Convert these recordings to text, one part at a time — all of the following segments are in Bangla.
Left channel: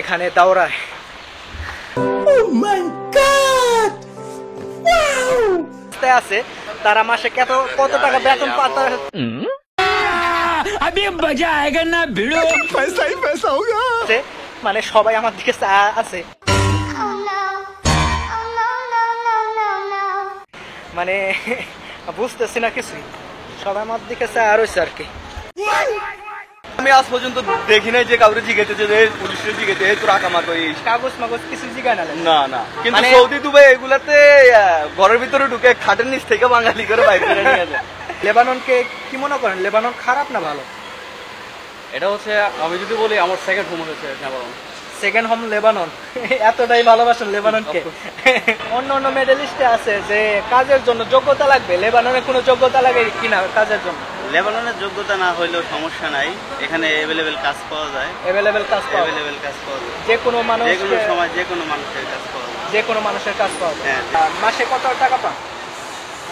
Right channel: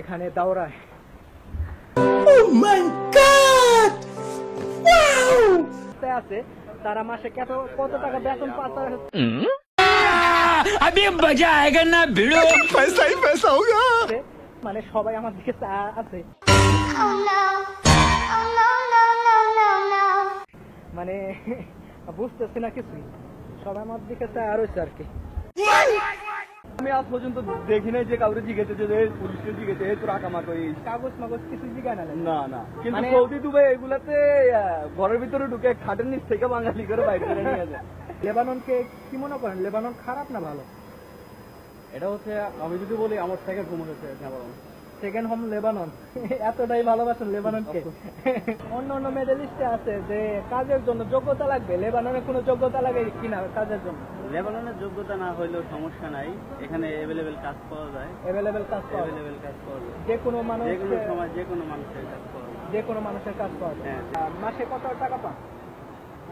এখানে দাওরায়। আছে তারা মাসে কত টাকা বেতন পাতা মানে সবাই আমার দিকে আছে মানে বুঝতেছি না কিছুই, সবাই আমার দিকে আর হয়েছে আর কি। আমি আজ পর্যন্ত দেখি নাই যে কাউরে জিজ্ঞেসে যে পুলিশের জিজ্ঞেসে তোর আকামাত কাগজ মাগজ কিছু জিগায় না। না না, কিন্তু সৌদি দুবাই এগুলাতে ঘরের ভিতরে ঢুকে খাটের নিচ থেকে বাঙালি করে বাইরে করে নিয়ে যায়। লেবাননকে কি মনে করেন, লেবানন খারাপ না ভালো? এটা হচ্ছে আমি যদি বলি আমার সেকেন্ড হোম হচ্ছে লেবানন। সেকেন্ড হোম লেবানন, এতটাই ভালোবাসেন লেবাননকে। অন্য অন্য মেডেলিস্টে আছে যে কাজের জন্য যোগ্যতা লাগবে, লেবাননে কোনো যোগ্যতা লাগে কিনা কাজের জন্য? লেবাননের যোগ্যতা না হইলেও সমস্যা নাই, এখানে অ্যাভেলেবেল কাজ পাওয়া যায়। অ্যাভেলেবেল কাজ পাওয়া যায়, যে কোনো মানুষ, যে কোনো সময় যে কোনো মানুষের কাজ পাওয়া যায়, যে কোনো মানুষের কাজ পাওয়া যায়। হ্যাঁ। মাসে কত টাকা পান?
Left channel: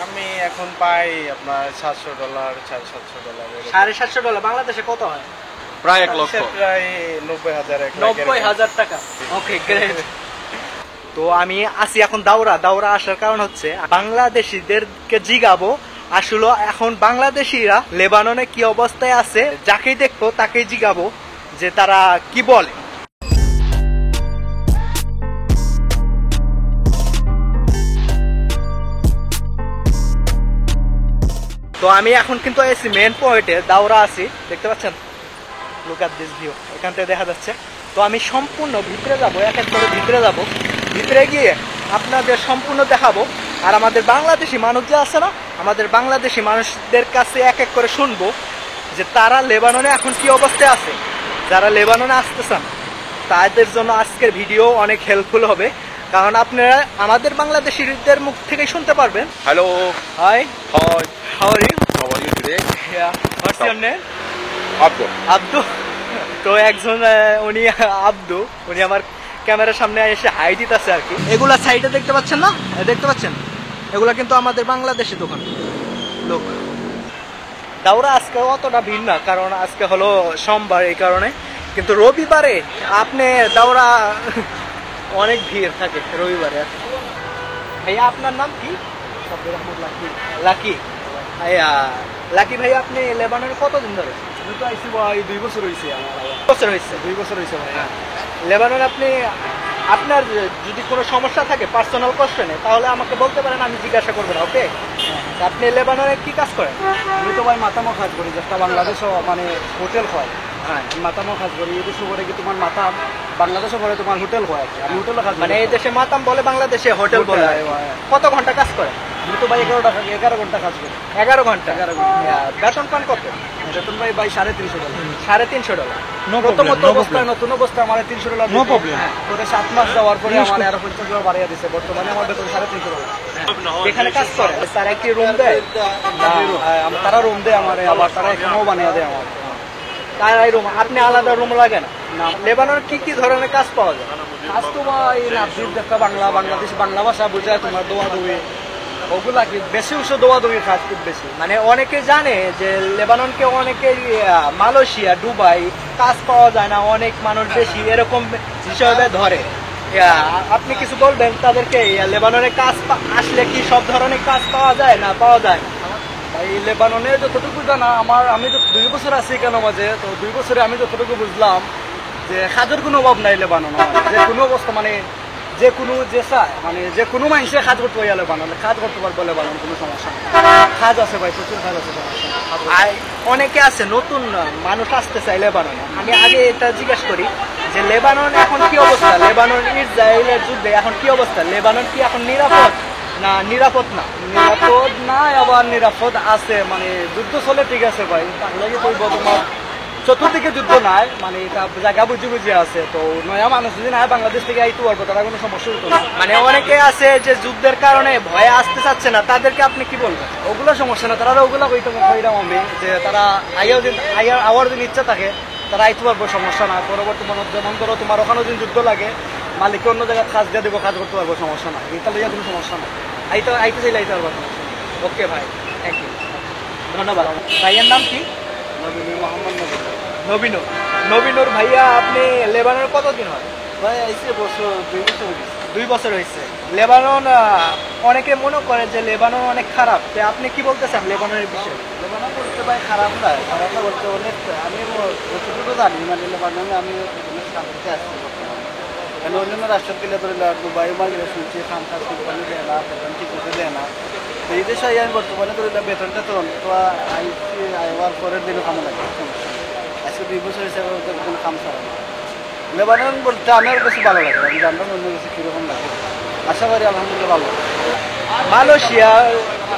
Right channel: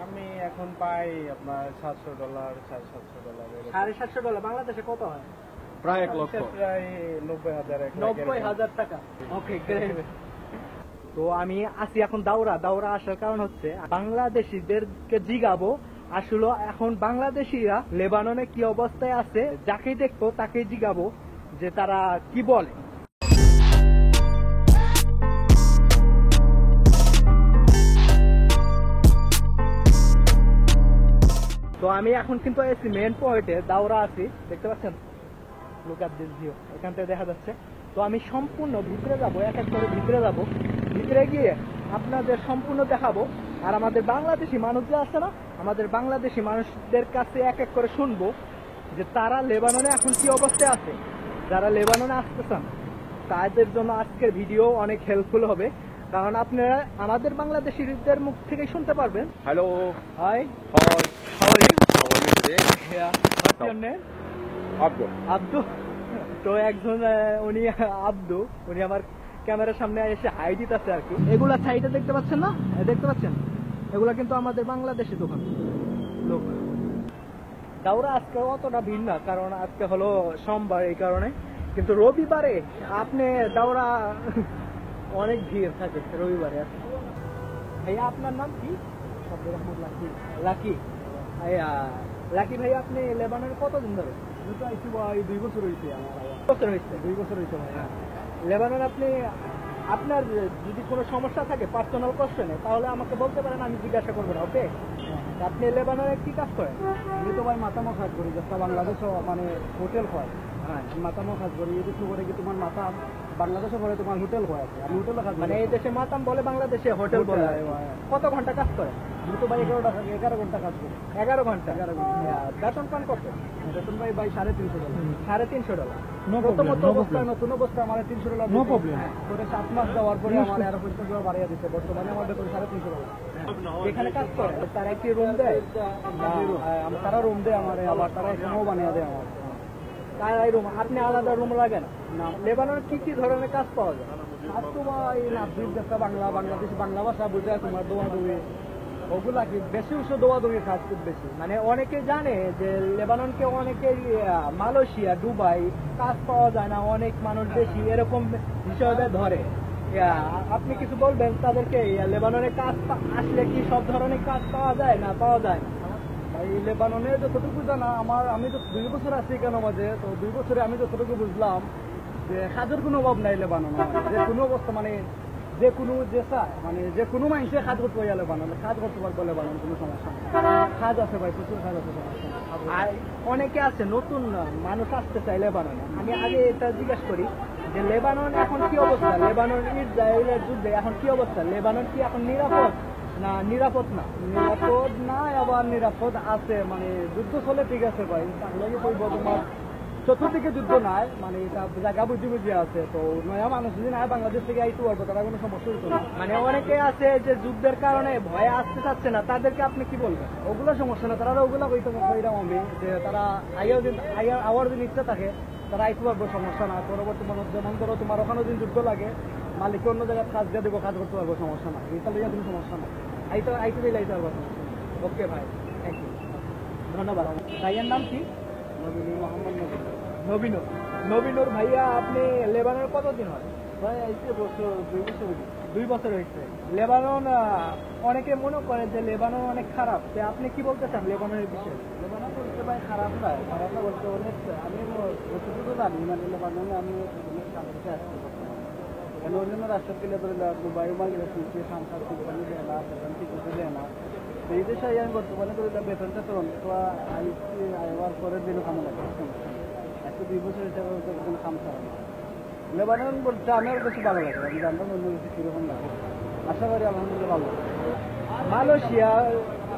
আমি এখন পাই আপনার $700, $750। $750 বাংলাদেশে কত হয়? প্রায় 1 লক্ষ, প্রায় 90,000 90,000 টাকা। ওকে, গ্রেট। তো আমি আসি এখন দাওরা আসার কারণ হচ্ছে বাংলাদেশিদেরকে জিগাবো আসলে এখন বাংলাদেশিরা লেবাননে কি অবস্থায় আছে, যাকেই দেখবো তাকেই জিগাবো যে তারা কি বলে। তো আমি এখন কিন্তু এসি মেন পয়েন্টে দাওরা আছি, দেখতে পাচ্ছেন, লুক এট দিস ভিউ, এখান থেকে দেখা যাচ্ছে। তো আমি সম্পূর্ণ ভিতরে যাবো, এক এক করে ভিতরে যাবো, ভিতরে গিয়ে আপনাদের সম্পূর্ণ দেখাবো। আর আমাদের বাংলাদেশি মানুষ যে আছে না, আমাদের বাংলাদেশি মানুষদের কাছে এক এক করে শুনবো যে তারা লেবাননে এখন কি অবস্থায় আছে। যারা লেবাননে আসতে চান তাদের জন্য আজকের ভিডিও অনেক হেল্পফুল হবে, কারণ আপনারা আমাদের বাংলাদেশিদের মুখ থেকে শুনতে পারবেন। Hello, hi, hi, how are you? How are you today? What's your name? Abdu. তো একজন উনি আব্দু, উনি আমার ক্যামেরার সামনে এসে হাই দিতেছে আর কি। এগুলা সাইডে দেখতে পাচ্ছেন না, দেখতে পাচ্ছেন, এগুলা কিন্তু আমাদের বাংলাদেশি দোকান লোক। দাওরা আজকে অতটা ভিড় না, কারণ আজকে হলো সোমবার, এই কারণে। কিন্তু রবিবারে আপনি দাওরা অনেক ভিড় থাকে রবিবারে। ভাইয়া আপনার নাম কি? লাকি। ভাইয়া লাকি ভাই, আপনি লেবাননে কতদিন ধরে? আমি তো আইসি ভাই 2 বছর হয়েছে। বছর হয়েছে? 2 বছর হয়েছে ভাই। লেবাননে আপনি আপনার যদি কোনো সমস্যা থাকে পার্সোনাল কোশ্চেনে, তাহলে আমাকে বলতে পারেন, আমি জিজ্ঞাসা করবো না। ওকে, আপনি লেবাননে কি কাজ করেন? আমি তো ভাই মাতামো কাজ করি, যেটা বাংলাদেশও মানে হোটেল হয়। হ্যাঁ, মাতামো কাজ করি। এই দেশে করে কি তোমার মাতাম, বাংলাদেশও করে তোমার হোটেল হয়। আমি হোটেলে কাজ মানে এই দেশে মাতাম বলে, বাংলাদেশে হোটেল বলে। কত ঘন্টা কাজ করেন? আমি তো ভাই 11 ঘন্টা কাজ করি। 11 ঘন্টা? 11 ঘন্টা। বেতন পান কত? বেতন ভাই $350। $350? নতুন অবস্থা আমার $300। No problem. পরে 7 মাস যাওয়ার পরে আমার আরো $50 বাড়িয়ে দিছে। বর্তমানে আমার বেতন $350। এখানে কাজ করে স্যার একটি রুম দেয়? তারা রুম দেয় আমার, আবার তারা এখানেও বানিয়ে দেয় আমার। তারাই রুম, আপনি আলাদা রুম লাগে না? লেবাননে কি কি ধরনের কাজ পাওয়া যায়? কাজ তো ভাই নাজির দেখা বাংলাদেশ বাংলা ভাষা বোঝায়, তোমার দোয়া-দৌড়ি ওগুলা কি বেশি উৎস দোয়া-দৌড়ির কাজ খুব বেশি। মানে অনেকে জানে যে লেবাননকে অনেকে মালয়েশিয়া, দুবাই কাজ পাওয়া যায় না, অনেক মানুষ বেশি এরকম হিসাবে ধরে। আপনি কিছু বলবেন তাদেরকে, লেবাননে কাজ আসলে কি সব ধরনের কাজ পাওয়া যায় না পাওয়া যায় না? ভাই লেবাননে যতটুকু জানা আমি তো 2 বছর আছি কেন মাঝে, তো 2 বছরে আমি যতটুকু বুঝলাম যে কাজের কোনো অভাব নাই লেবানন। যে কোনো অবস্থা মানে যে কোনো যে চায় মানে যে কোনো মানুষে কাজ করতে পারে লেবাননে, কাজ করতে পারবো লেবানন, কোনো সমস্যা নেই। কাজ আছে ভাই, প্রচুর কাজ আছে, সমস্যা নেই। অনেকে আছে নতুন মানুষ আসতে চাই লেবাননে। আমি আগে এটা জিজ্ঞেস করি যে লেবানন এখন কি অবস্থা, লেবানন ইসরায়েলের যুদ্ধে এখন কি অবস্থা, লেবানন কি এখন নিরাপদ না নিরাপদ না? নিরাপদ না, আবার নিরাপদ আছে, মানে যুদ্ধ চলে, ঠিক আছে ভাই, তার লাগে কইব তোমার চতুর্দিকে যুদ্ধ নাই, মানে এটা জায়গা বুঝি আছে। তো নয়া মানুষ যদি নাই বাংলাদেশ থেকে আইতে পারবো, তারা কোনো সমস্যা হতো না। মানে অনেকে আছে যে যুদ্ধের কারণে ভয়ে আসতে চাচ্ছে না, তাদেরকে আপনি কি বলবেন? ওগুলো সমস্যা না, তারা ওগুলা কইতাম আমি যে তারা আওয়ার যদি ইচ্ছা থাকে তারা আইতে পারবো, সমস্যা না। পরবর্তী মনে যেমন ধরো তোমার ওখানে যদি যুদ্ধ লাগে, মালিককে অন্য জায়গায় কাজ দিয়ে দেবো, কাজ করতে পারবো, সমস্যা না। এটা লইয়া কোনো সমস্যা না, আইতে চাইলে আইতে পারবো, সমস্যা না। ওকে ভাই, থ্যাংক ইউ, ধন্যবাদ। ভাইয়ের নাম কি? মোহাম্মদ নবীন। নবীনুর ভাইয়া, আপনি লেবাননে কতদিন হয়? ভাই আইসে বছর 2 বছর হয়ে গেছে। 2 বছর হয়েছে। লেবানন অনেকে মনে করে যে লেবানন অনেক খারাপ, তো আপনি কি বলতে চান লেবাননের বিষয়ে? লেবানন বলতে ভাই খারাপ না, খারাপ না বলতে অনেক, আমি যতটুকু জানি মানে লেবাননে আমি অনেক শান্তিতে আসছি বর্তমানে। কেন অন্যান্য রাষ্ট্র গেলে ধরে দুবাই মার্কেটে শুনছি খান খাস কোম্পানি দেয় না, বেতন ঠিক মতো দেয় না। তো এই দেশে আমি বর্তমানে ধরে বেতনটা তো আইসি আইবার পরের দিনও কামো লাগে, সমস্যা নেই। আজকে 2 বছর হিসাবে কোনো কাম ছাড়া না। লেবানন বলতে আমার কাছে ভালো লাগে, আমি জানলাম অন্য কিছু কীরকম লাগে। আশা করি আলহামদুলিল্লাহ ভালো। মালয়েশিয়া,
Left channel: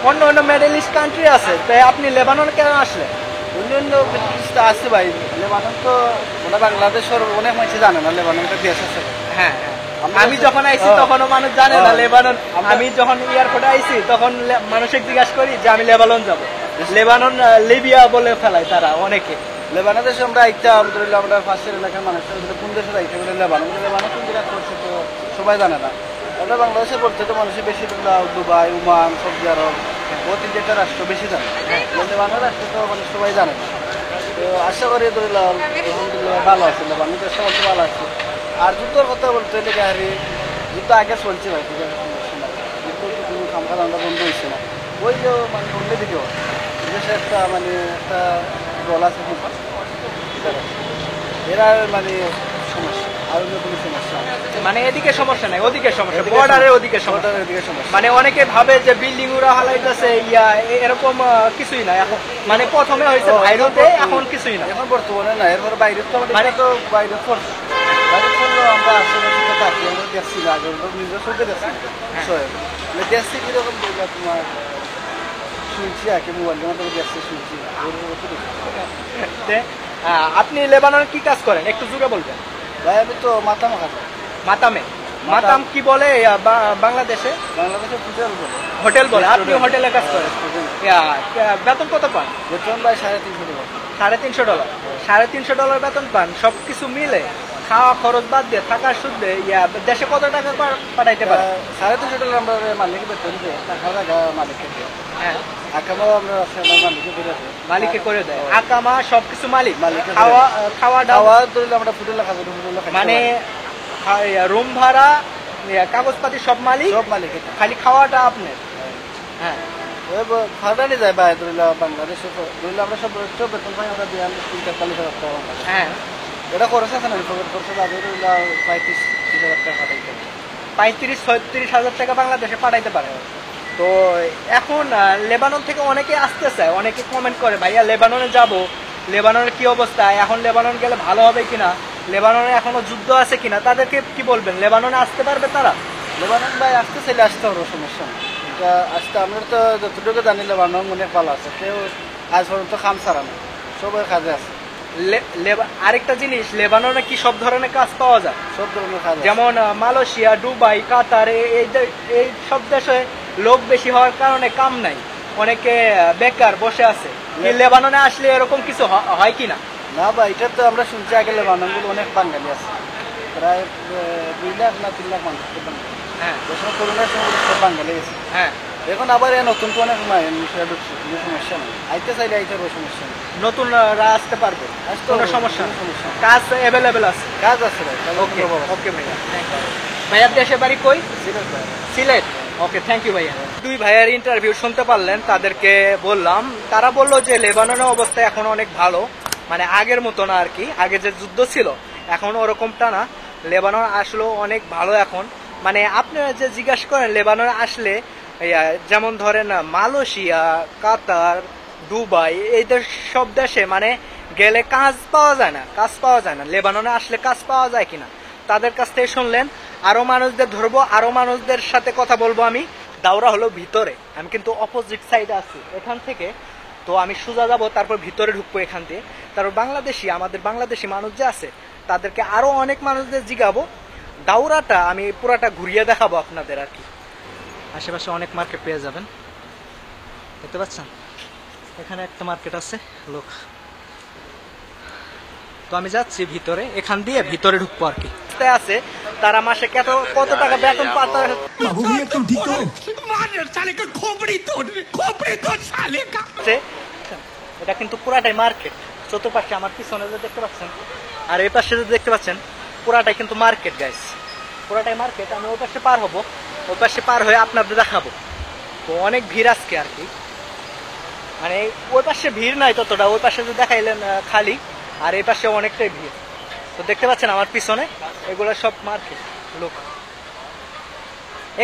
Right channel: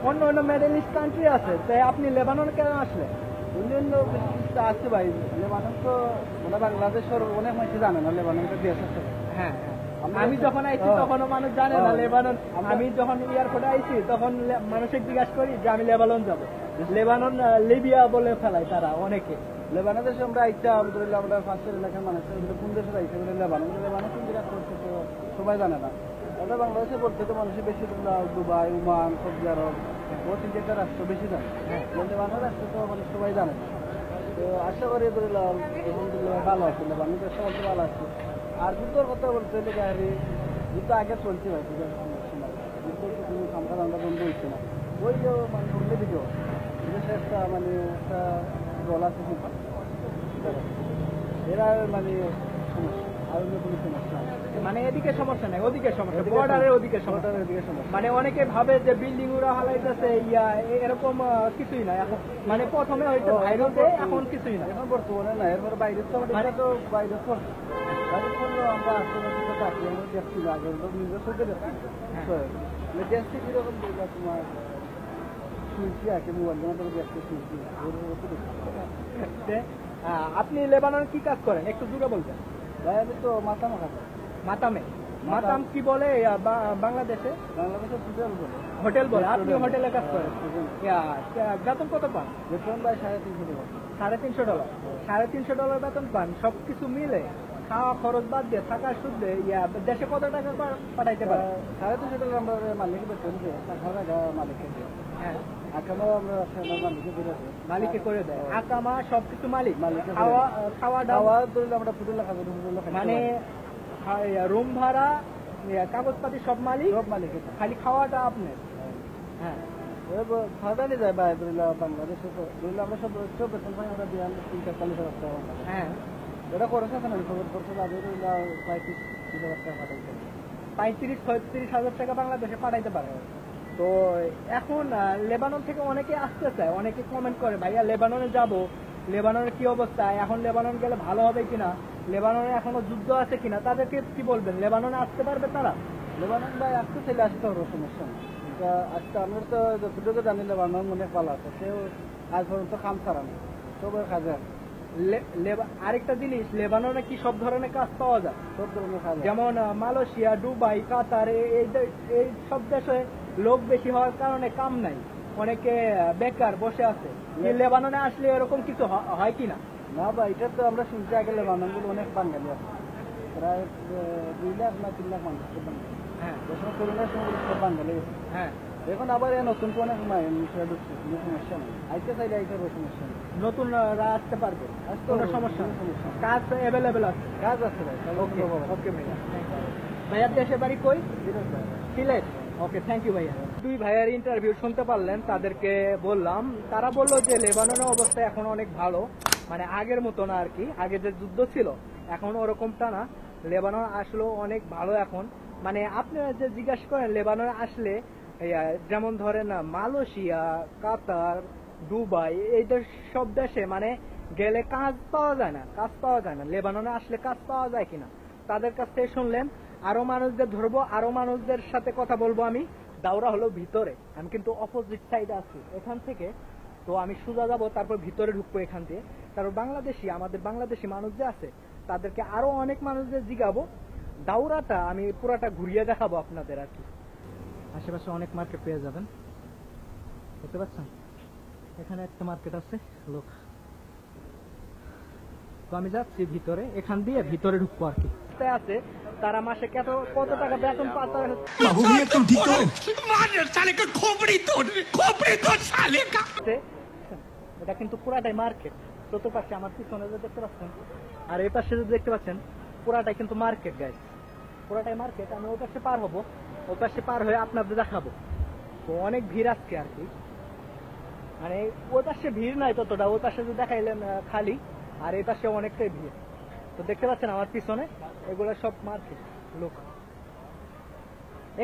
অন্য অন্য মিডল ইস্ট কান্ট্রি আছে, তাই আপনি লেবানন কেন আসলেন? অন্যান্য ব্রিটিশটা আছে ভাই, লেবানন তো ওরা বাংলাদেশের অনেক মানুষ জানে না লেবাননটা দেশ আছে। হ্যাঁ, আমি যখন আইছি তখনও মানুষ জানে না লেবানন। আমি যখন এয়ারপোর্টে আইছি তখন মানুষকে জিজ্ঞাসা করি যে আমি লেবানন যাব, লেবানন লিবিয়া বলে ফেলায় তারা অনেকে। লেবানন দেশে আমরা আইতে আলহামদুলিল্লাহ আমরা ফার্স্টের এলাকার মানুষের কোন দেশে আইতে বলে লেবানন, লেবানন কোন জায়গা করছে তো সবাই জানে না। আমরা বাংলাদেশে বলতে তো মানুষের বেশি দুবাই, ওমান, সৌদি আরব, ও 3-4টা রাষ্ট্র বেশি জানে। লেবানন রাষ্ট্র তো মানে সবাই জানে না। তো আশা করি ধরিলাম আলহামদুলিল্লাহ ভালো আছে, লেবানন দেশটা বলতে ভালো আছে। আর যুদ্ধর কথা বলতে হলে গাড়ি যুদ্ধ আগে চলছে ভাই, ঠিক আছে, সমস্যা নাই। যুদ্ধ তো কোনো কামকাজ আমরা বন্ধ হয়েছে না, ওই যে মানে অন্য দিকেও দেশে একটা মানে একটা দল আছে এরা মানে সমস্যা, আর অন্য কোনো সমস্যা নেই। মানে এদিকে সমস্যা নাই, ওদিকে সমস্যা, বর্ডারের ওদিকে সমস্যা। বর্ডারের দিকে সমস্যা। মানে অনেকে ভাবে যে বিল্ডিং উড়া হালাইতেছে এরকম কিছুই না। এখন মানে প্রথমে হয়েছে ভাইরতে, এখন কিছুই না। এখন বর্তমানে না, এরপর বাইরে তো আমাদের তো বাইরে পড়ছে, বাইরে পড়লো আমরা আশেপাশে থাকি, আমরা দেখছি না আগে নিজের চোখে দেখছি বিষয় দেখছি কিরকম তোমার শুনছি আর কি মোবাইলের মাধ্যমে দেখছি শুনছি আপনি লেবাননে কি কাজ করেন একটু জুড়ে বলবেন? ভাই আমি তো মাথা মাখা মাতামে। মাতাম কি বলে বাংলাদেশে? বাংলাদেশে হোটেল বলে। হোটেল বলে। আপনি হোটেলে কাজ করেন। বেতন কত পান? বেতন ভাই $350। $350। $350 বেতন পান, সবকিছু মিলে খাওয়া খরচ বাদ দিয়ে থাকার সুদে দেশে কত টাকা পাঠাইতে পারে? $350 আমরা মালিকের বেতন দেয়, টাকা টাকা মালিককে দেয়। হ্যাঁ, আকামাও আমরা মালিককে করে দেয়। মালিকে করে দেয়। আকামা সবকিছু মালিক। মালিকে খাওয়া খাওয়া খাওয়া ধরলে আমরা হোটেলে খাবো, মানে রুম ভাড়া, কাগজপাতি সব মালিক, সব মালিকের। খালি খাওয়াটা আপনার। হ্যাঁ, ভাড়া নিয়ে যায় ভাই ধরলে বাংলাদেশে ধরলে আমরা সব বেতন পাই, আমরা 43-44,000 টাকা। হ্যাঁ, এটা খরচ আছে না, খরচ আগে ধরলে 35-30,000 টাকা পাঠাইতে। 35-36 হাজার টাকা বাংলাদেশে পাঠাইতে পারে। তো এখন লেবানন থেকে অনেকে আসতে চায়, অনেকে কমেন্ট করে ভাইয়া লেবাননে যাব, লেবাননের কি অবস্থা, এখন লেবানন গেলে ভালো হবে কিনা, লেবাননে এখনো যুদ্ধ আছে কিনা, তাদেরকে কি বলবেন? লেবাননে আসতে পারবে তারা? লেবানন ভাই আসতে চাইলে আসতে হবে, সমস্যা নেই। এটা আসতে আমরা তো যতটুকু জানি লেবানন অনেক ভালো আছে, কেউ আজ পর্যন্ত খাম ছাড়া না, সবাই কাজে আছে। আরেকটা জিনিস, লেবাননে কি সব ধরনের কাজ পাওয়া যায়? সব ধরনের কাজ, যেমন মালয়েশিয়া, দুবাই, কাতার, এই সব দেশে লোক বেশি হওয়ার কারণে কাম নাই, অনেকে বেকার বসে আছে। লেবাননে আসলে এরকম কিছু হয় কিনা? না ভাই, এটা তো আমরা শুনছি আগে লেবাননগুলো অনেক বাঙালি আছে, প্রায় 2 লাখ না 3 লাখ মানুষ। হ্যাঁ, করোনার সময় সব বাঙালি আছে। হ্যাঁ, এখন আবার নতুন তো অনেক বিষয় ঢুকছে, কোনো সমস্যা নেই, আইতে চাইলে আইতে হবে, সমস্যা নেই। নতুনরা আসতে পারবে, কোনো সমস্যা নেই, কাজ অ্যাভেলেবেল আছে, কাজ আছে ভাই। ওকে ওকে ভাইয়া, ভাইয়ার দেশের বাড়ি কই? সিলেট। ওকে, থ্যাংক ইউ ভাইয়া। 2 ভাইয়ার ইন্টারভিউ শুনতে পারলেন, তাদেরকে বললাম, তারা বললো যে লেবাননের অবস্থা এখন অনেক ভালো, মানে আগের মতো না আর কি, আগে যে যুদ্ধ ছিল এখন ওরকমটা না, লেবানন আসলেও অনেক ভালো এখন। মানে আপনারা যে জিজ্ঞাসা করেন লেবাননে আসলে, যেমন ধরেন মালয়েশিয়া, কাতার, দুবাই, এই সব দেশে মানে গেলে কাজ পাওয়া যায় না, কাজ পাওয়া যায় না। লেবাননে আসলে কাজ পাওয়া যায় কিনা তাদের কাছ থেকে শুনলেন। আরো মানুষদের ধরবো, আরো মানুষদের সাথে কথা বলবো আমি। দাওরা হলো ভিতরে, আমি কিন্তু অপোজিট সাইডে আছি এখান থেকে, তো আমি সোজা যাবো, তারপর ভিতরে ঢুকবো এখান দিয়ে। তারপর আমাদের বাংলাদেশি মানুষ যে আছে তাদেরকে আরো অনেক মানুষদের জিগাবো। দাওরাটা আমি পুরাটা ঘুরিয়ে দেখাবো আপনাদের আর কি। আশেপাশে অনেক মার্কেট পেয়ে যাবেন, দেখতে পাচ্ছেন এখানে একটা মার্কেট আছে লোক। তো আমি যাচ্ছি ভিতরে, এখান দিয়ে ভিতরে ঢুকবো আর কি। আছে তারা মাসে কত টাকা বেতন পাতা, এটা কিন্তু পুরাটাই মার্কেট। চতুর্পাশে আমার পিছনে যে দেখতে পাচ্ছেন আর এই পাশে যদি দেখতে পাচ্ছেন পুরাটাই কিন্তু মার্কেট গাইস, পুরাটাই মার্কেট। আমি ওই পাশে পার হবো, ওই পাশে পার হয়ে আপনাদের দেখাবো। তো অনেক ভিড় আজকে আর কি, মানে ওই পাশে ভিড় নাই ততটা, ওই পাশে যদি দেখাইলেন খালি, আর এই পাশে অনেকটাই ভিড়। তো দেখতে পাচ্ছেন আমার পিছনে এগুলো সব মার্কেট লোক।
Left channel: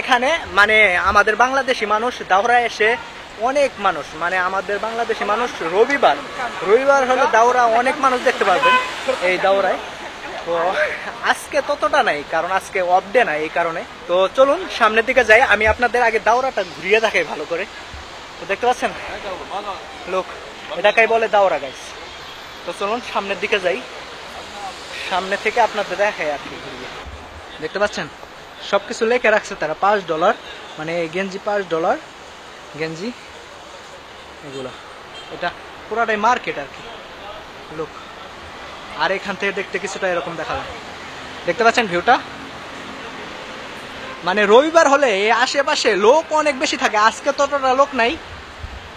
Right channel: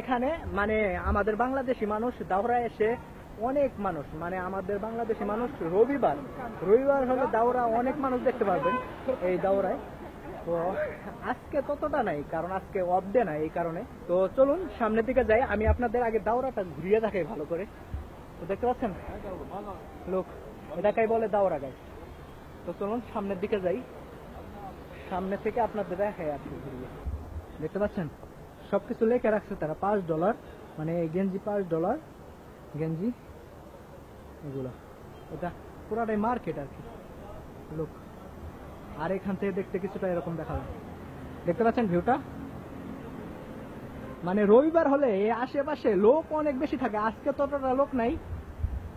এখানে মানে আমাদের বাংলাদেশি মানুষ দাওরায় এসে অনেক মানুষ, মানে আমাদের বাংলাদেশি মানুষ রবিবার হলে দাওরা অনেক মানুষ দেখতে পারবেন এই দাওরায়। তো আজকে ততটা নাই, কারণ আজকে অফ ডে নাই এই কারণে। তো চলুন সামনের দিকে যাই, আমি আপনাদের আগে দাওরাটা ঘুরিয়ে দেখাই ভালো করে। তো দেখতে পাচ্ছেন লোক, এটাকেই বলে দাওরা গাইস। তো চলুন সামনের দিকে যাই, সামনে থেকে আপনাদের দেখাই আর কি ঘুরিয়ে। দেখতে পাচ্ছেন সবকিছু লেখে রাখছে তারা, $5, মানে গেঞ্জি $5 গেঞ্জি এগুলা। এটা পুরাটাই মার্কেট আর কি লোক। আর এখান থেকে দেখতে কিছুটা এরকম দেখা যায়, দেখতে পাচ্ছেন ভিউটা। মানে রবিবার হলে এই আশেপাশে লোক অনেক বেশি থাকে, আজকে ততটা লোক নাই,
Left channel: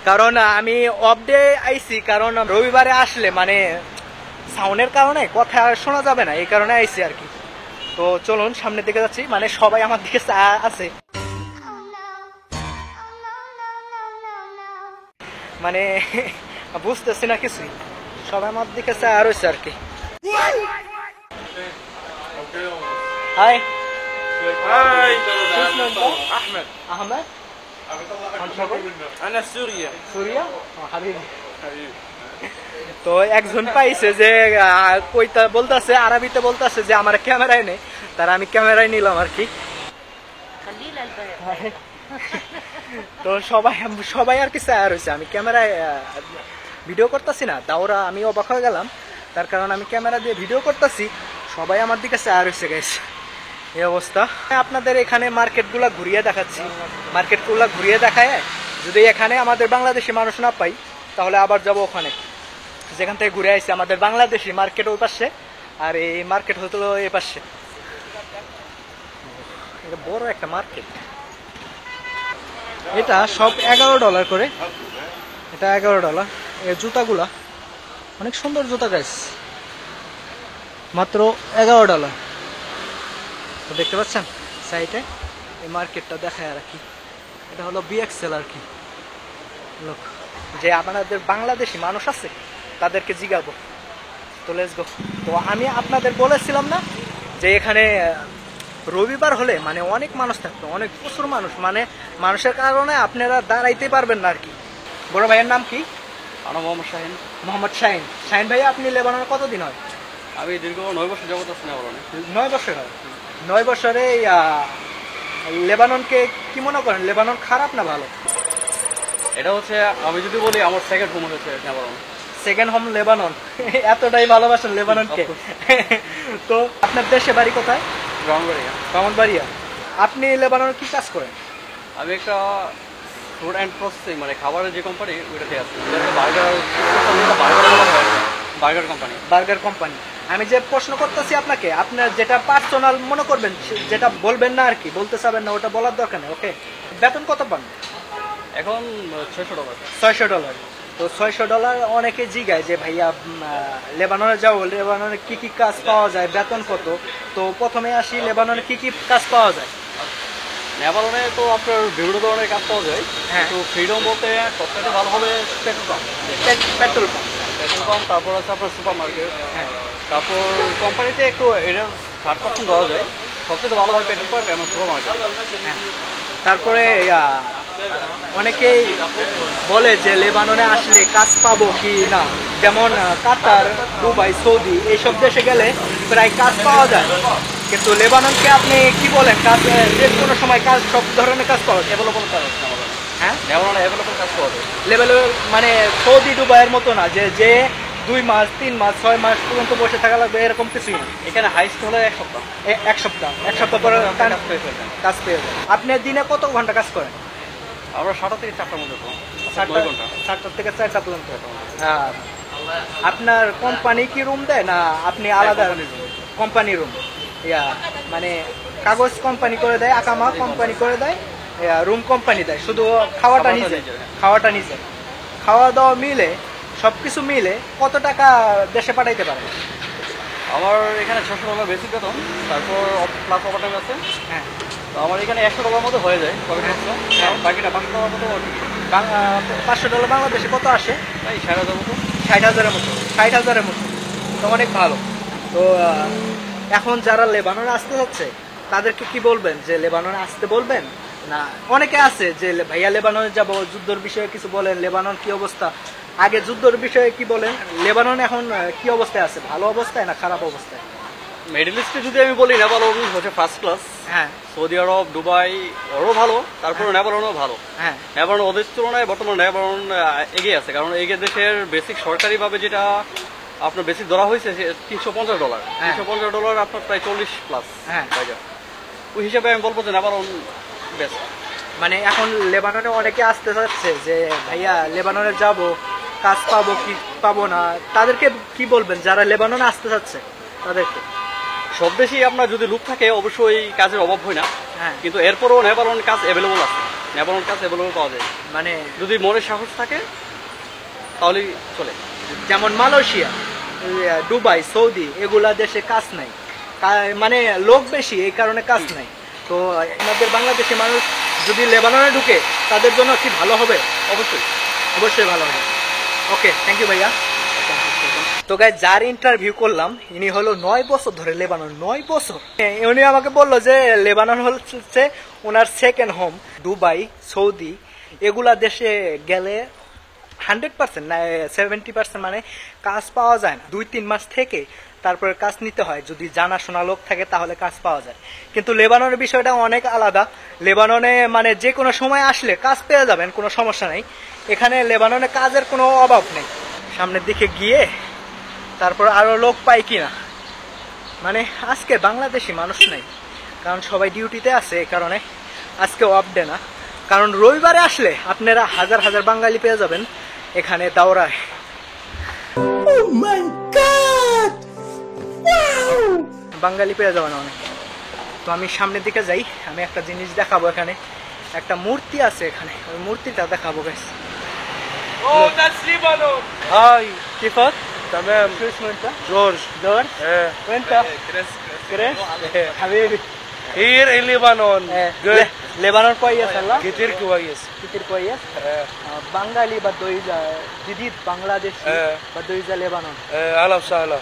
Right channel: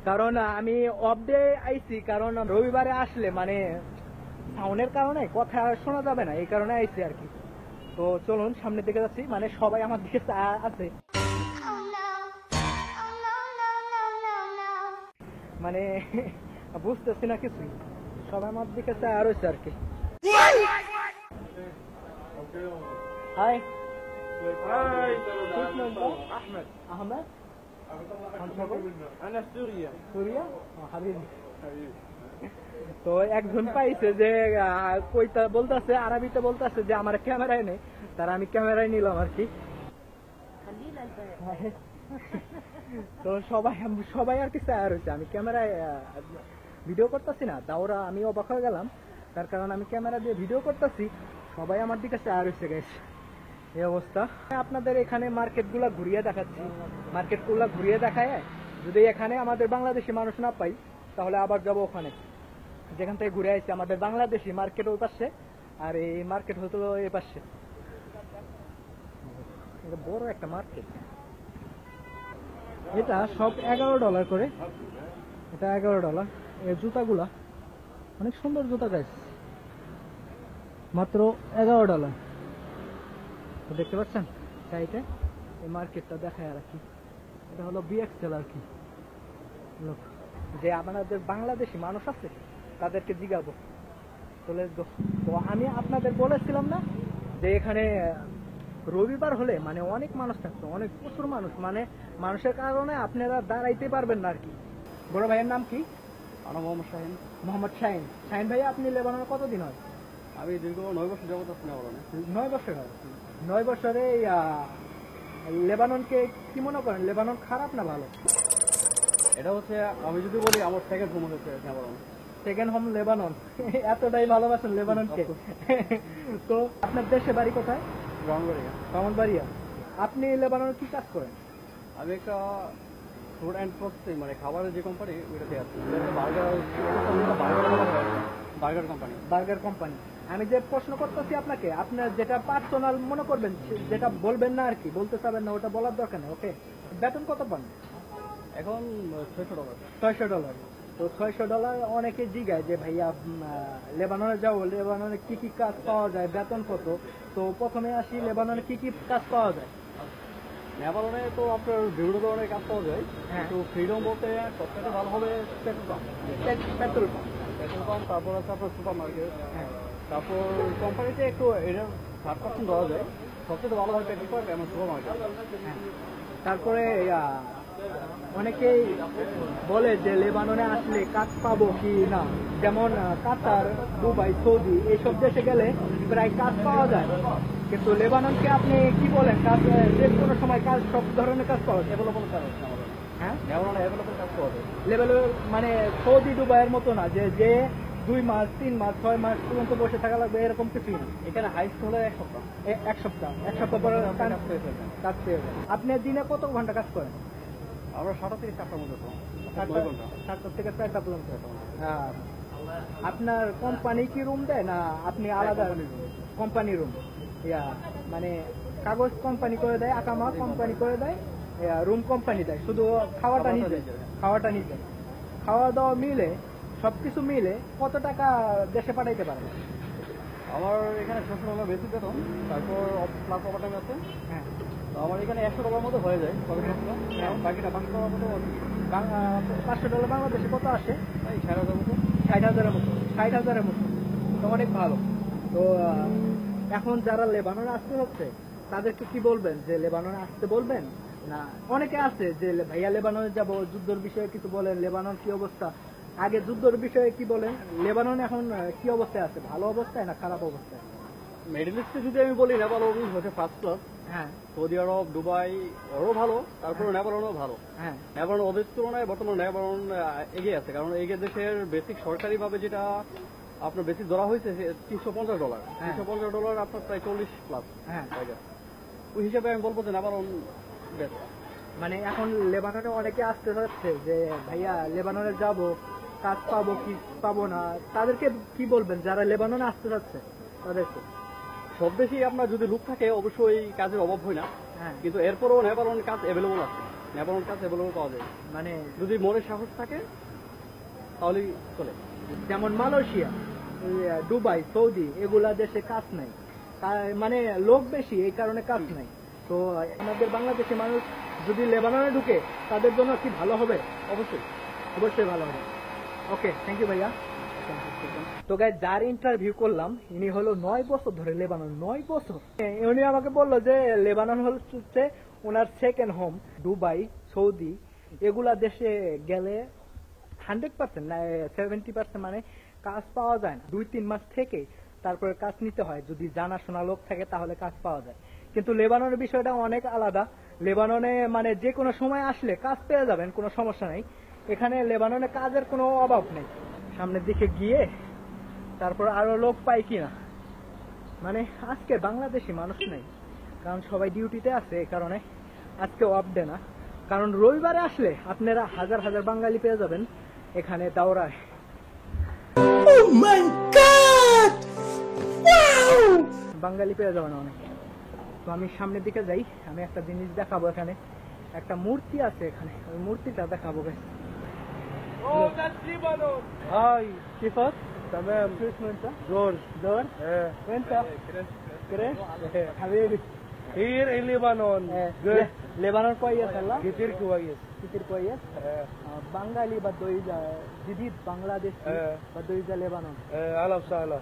কারণ আমি অফ ডে আইছি। কারণ রবিবারে আসলে মানে সাউন্ডের কারণে কথা শোনা যাবে না, এই কারণে আইছি আর কি। তো চলুন সামনের দিকে যাচ্ছি, মানে সবাই আমার দিকে আছে, মানে বুঝতেছি না কিছুই, সবাই আমার দিকে চা রয়েছে আর কি। হাই احمد আহমেদ, انا سوريا সুরিয়া হাবিবি। তো একজন পাইছে যে কইতা বলতাছে, আরবিতে বলতাছে যে আমার ক্যামেরায় নেই, তার আমি ক্যামেরায় নিলাম আর কি। তো সবাই আর কি চায়া রয়েছে, আমি ক্যামেরায় ভিডিও করতেছি না, দাওরা আমি অবাক হয়ে গেলাম, তার কারণ আমি ক্যামেরা দিয়ে ভিডিও করতেছি, সবাই আমার দিকে চায়া রয়েছে গাইস, এই অবস্থা। আপনাদের এখানে মার্কেটগুলা ঘুরিয়ে দেখাচ্ছি, মার্কেটগুলা ঘুরিয়ে দেখায় যদি এখানে আমাদের বাংলাদেশি মানুষ না পাই, তাহলে আবার যাব ওখানে যেখান থেকে ঘুরে আসছি। আমাদের বাংলাদেশি মার্কেট ওই পাশে, আর এই মার্কেট হতো এই পাশে। এটা বড় একটা মার্কেট। এটা সব $11 করে, এটা $11। এই জুতাগুলা অনেক সুন্দর জুতা গাইস, মাত্র $11। তো দেখতে পাচ্ছেন সাইডে এই মার্কেটটা দেখায় আর কি, এটা হলো BXL আর কি লোক। যে আপনাদের বাংলাদেশি মানুষ আছে তাদেরকে জিগাবো। তো লেটস গো। তো আমি আপনাদের বলেছিলাম না যে এখানে রবিবার হলে মানে অনেক মানুষ থাকতো, অনেক প্রচুর মানুষ, মানে মানুষের কারণে আপনারা দাঁড়াইতে পারবেন না আর কি। বড় ভাইয়ের নাম কি? আমার মোহাম্মদ শাহিন। মোহাম্মদ শাহিন। শাহিন ভাই আপনি লেবাননে কতদিন হয়? আমি দীর্ঘ 9 বছর যাবত আছি লেবাননে। 9 বছর হয়। 9 বছরে লেবাননকে কি মনে করেন? লেবানন খারাপ না ভালো? এটা হচ্ছে আমি যদি বলি আমার সেকেন্ড হোম হচ্ছে লেবানন। Second home Lebanon. এতটাই ভালোবাসেন লেবাননকে। তো আপনার দেশে বাড়ি কোথায়? ব্রাহ্মণবাড়িয়া। ব্রাহ্মণবাড়িয়া। আপনি লেবাননে কি কাজ করেন? আমি একটা ফুড অ্যান্ড প্রসেসিং মানে খাবারের যে কোম্পানি ওইটাতে আছি। Burger company. Burger company. আমি যে প্রশ্ন করতেছি আপনাকে, আপনার যেটা পার্সোনাল মনে করবেন, যেটা বলবেন না আর কি, বলতে চাবেন না, ওটা বলার দরকার নেই। ওকে, বেতন কত পান? এখন $600। $600। তো $600 অনেকে জিগায় যে ভাইয়া লেবাননে যাও, লেবাননে কি কি কাজ পাওয়া যায়, বেতন কত? তো প্রথমে আসি, লেবাননে কি কি কাজ পাওয়া যায়? লেবাননে তো আপনার বিভিন্ন ধরনের কাজ পাওয়া যায়। হ্যাঁ। তো ফ্রিডম বলতে সবথেকে ভালো হবে petrol pump. Petrol pump. Petrol pump, তারপর আছে আপনার সুপার মার্কেট। হ্যাঁ। তারপর কোম্পানিতে একটু এটা 60% দেওয়া যায়। সবথেকে ভালো হয় পেট্রোল পাম্প এবং সুপার মার্কেট। হ্যাঁ। তারপরে অনেকেই বলে যে লেবাননে আসলে কাজ পাবো কি না, যেমন কাতার, দুবাই, সৌদি এইসব দেশে গেলে প্রায় কাজ পাওয়া যায়, কিন্তু লেবাননকে আপনি কি বলেন? কাজ যে কোনো সময় কাজ, সব ধরনের কাজ পাওয়া যায়, অ্যাভেলেবল কাজ আছে আমাদের। হ্যাঁ, লেবাননে অ্যাভেলেবল কাজ পাওয়া যায়। লেভেল মানে সৌদি, দুবাইয়ের মতো না যে 2 মাস, 3 মাস, 6 মাস পর্যন্ত বসে থাকা লাগবে, এরকম কিছুই না। এখানে হাইস্ট হলে 1 সপ্তাহ। এক সপ্তাহ পরে কাজ পেয়ে যায়। আপনি দিনে কত ঘন্টা কাজ করেন? আমরা 7টা থেকে 4টার মধ্যে পাবো। 7 ঘন্টা। 7টা থেকে 4টা পর্যন্ত। আপনার কোম্পানি কি রুম দেয় না আপনি আলাদা? কোম্পানি রুম, মানে কাগজ কোম্পানি করে দেয়, আকামা কোম্পানি করে দেয়, রুম কোম্পানি দেয়, শুধু খাওয়াটা নিজে। খাওয়াটা নিজে, খাওয়া দাওয়া মিলে, সবকিছু মিলে কত টাকা দেশে পাঠাইতে পারে? আমার এখানে $600 বেসিক বেতন, তারপর প্লাস ওভারটাইম আছে। হ্যাঁ তো আমার এখানে $100 মতো হয়ে যায় তবে হ্যাঁ। বাকিটা $500 মতো $500 বাংলাদেশে কত আসে? তাই 60,000 মতো। 60,000-এর মতো, 60,000-এর মতো, তো অনেক ভালো। তো এখন যারা লেবাননে আসতে যাচ্ছে তাদেরকে কি বলবেন, যে লেবাননে আসতে বলবেন না? অনেকে আছে যে ভাইয়া লেবাননে যাব, যুদ্ধের বিষয়ে কিছু বলেন, লেবানন কি অবস্থা, আগে যুদ্ধের বিষয়ে কি বলেন, লেবানন এখন কি অবস্থায় আছে, ভালো অবস্থায় না খারাপ অবস্থায়? মিডল ইস্টে যদি আমি বলি, নেপালন হচ্ছে ফার্স্ট ক্লাস। হ্যাঁ সৌদি আরব, দুবাই ওরও ভালো, তারপরে নেপালনও ভালো। হ্যাঁ নেপালন ওদের তুলনায় বর্তমানে নেপালন এগিয়ে আছে, কারণ এই দেশের বেসিক সরকারিভাবে যেটা আপনার বেসিক ধরা হয়েছে $350, হ্যাঁ। $350 আপনার প্রায় 40+। হ্যাঁ। ওই হিসাবে আমি বলবো যে নেপালন বেস্ট। মানে এখন লেবাননে অনেকে আসতে চাচ্ছে যে ভাইয়া লেবাননে যাব, কাজ পাবো কি পাবো না, তাদেরকে কি বলবেন যারা লেবাননে আসতে চাচ্ছে তাদেরকে? সব দেশেই আপনার যদি লুক থাকে অবশ্যই কাজের অভাব হয় না, হ্যাঁ কিন্তু এরপরও নেপালন কাজ অ্যাভেলেবল আছে, নেপালন কাজ অ্যাভেলেবল পাওয়া যায় মানে যদি মনে সাহস থাকে তাহলেই চলে। যেমন মালয়েশিয়া, দুবাই, সৌদি এগুলা দেশে কাজ নাই, মানে লোক বেশি এই কারণে কাজ নাই। তো আমাদের বাংলাদেশি মানুষ যদি লেবাননে ঢুকে তাদের জন্য কি ভালো হবে? অবশ্যই অবশ্যই ভালো হবে। ওকে, থ্যাংক ইউ ভাইয়া। তো গাইস, যার ইন্টারভিউ করলাম ইনি হলো 9 বছর ধরে লেবানন, 9 বছর। উনি আমাকে বললো যে লেবানন হচ্ছে ওনার সেকেন্ড হোম। দুবাই, সৌদি এগুলা দেশে গেলে 100% না 70% মানে কাজ পাওয়া যায় না, 2-3 মাস থেকে তারপরে কাজ নিতে হয়, যদি জানাশোনা লোক থাকে তাহলে কাজ পাওয়া যায়। কিন্তু লেবাননের বিষয়টা অনেক আলাদা। লেবাননে মানে যে কোনো সময় আসলে কাজ পেয়ে যাবেন, কোনো সমস্যা নেই। এখানে লেবাননে কাজের কোনো অভাব নেই। সামনের দিকে গিয়ে তারপর আরো লোক পাই কিনা, মানে আজকে বাংলাদেশি মানুষ নেই, কারণ সবাই ডিউটিতে আছে, এই কারণে আজকে অফ ডে না। কারণ রবিবারে আসলে আপনারা হাজার হাজার বাঙালি পেয়ে যাবেন এখানে দাওরায়। বাঙালি পেয়ে যাবেন অনেক। তো আমি সামনের দিকে যাই, আমি একটা জিনিস দেখাবো। এখানে একটা মূর্তি আছে, এখানে ওই মূর্তিটা দেখাবো গাইস। هاي كيفك؟ تمام. شو اسمه انت؟ جورج. جورج؟ ايه وانت؟ كريس؟ حبيبي. هير لبنان إيه. لبنان كويس والله؟ كتير كويس. كتير كويس؟ ايه بنغالي بده يجي جديد بنغلاديشي إيه. بده يجي لبنان. ايه اهلا وسهلا.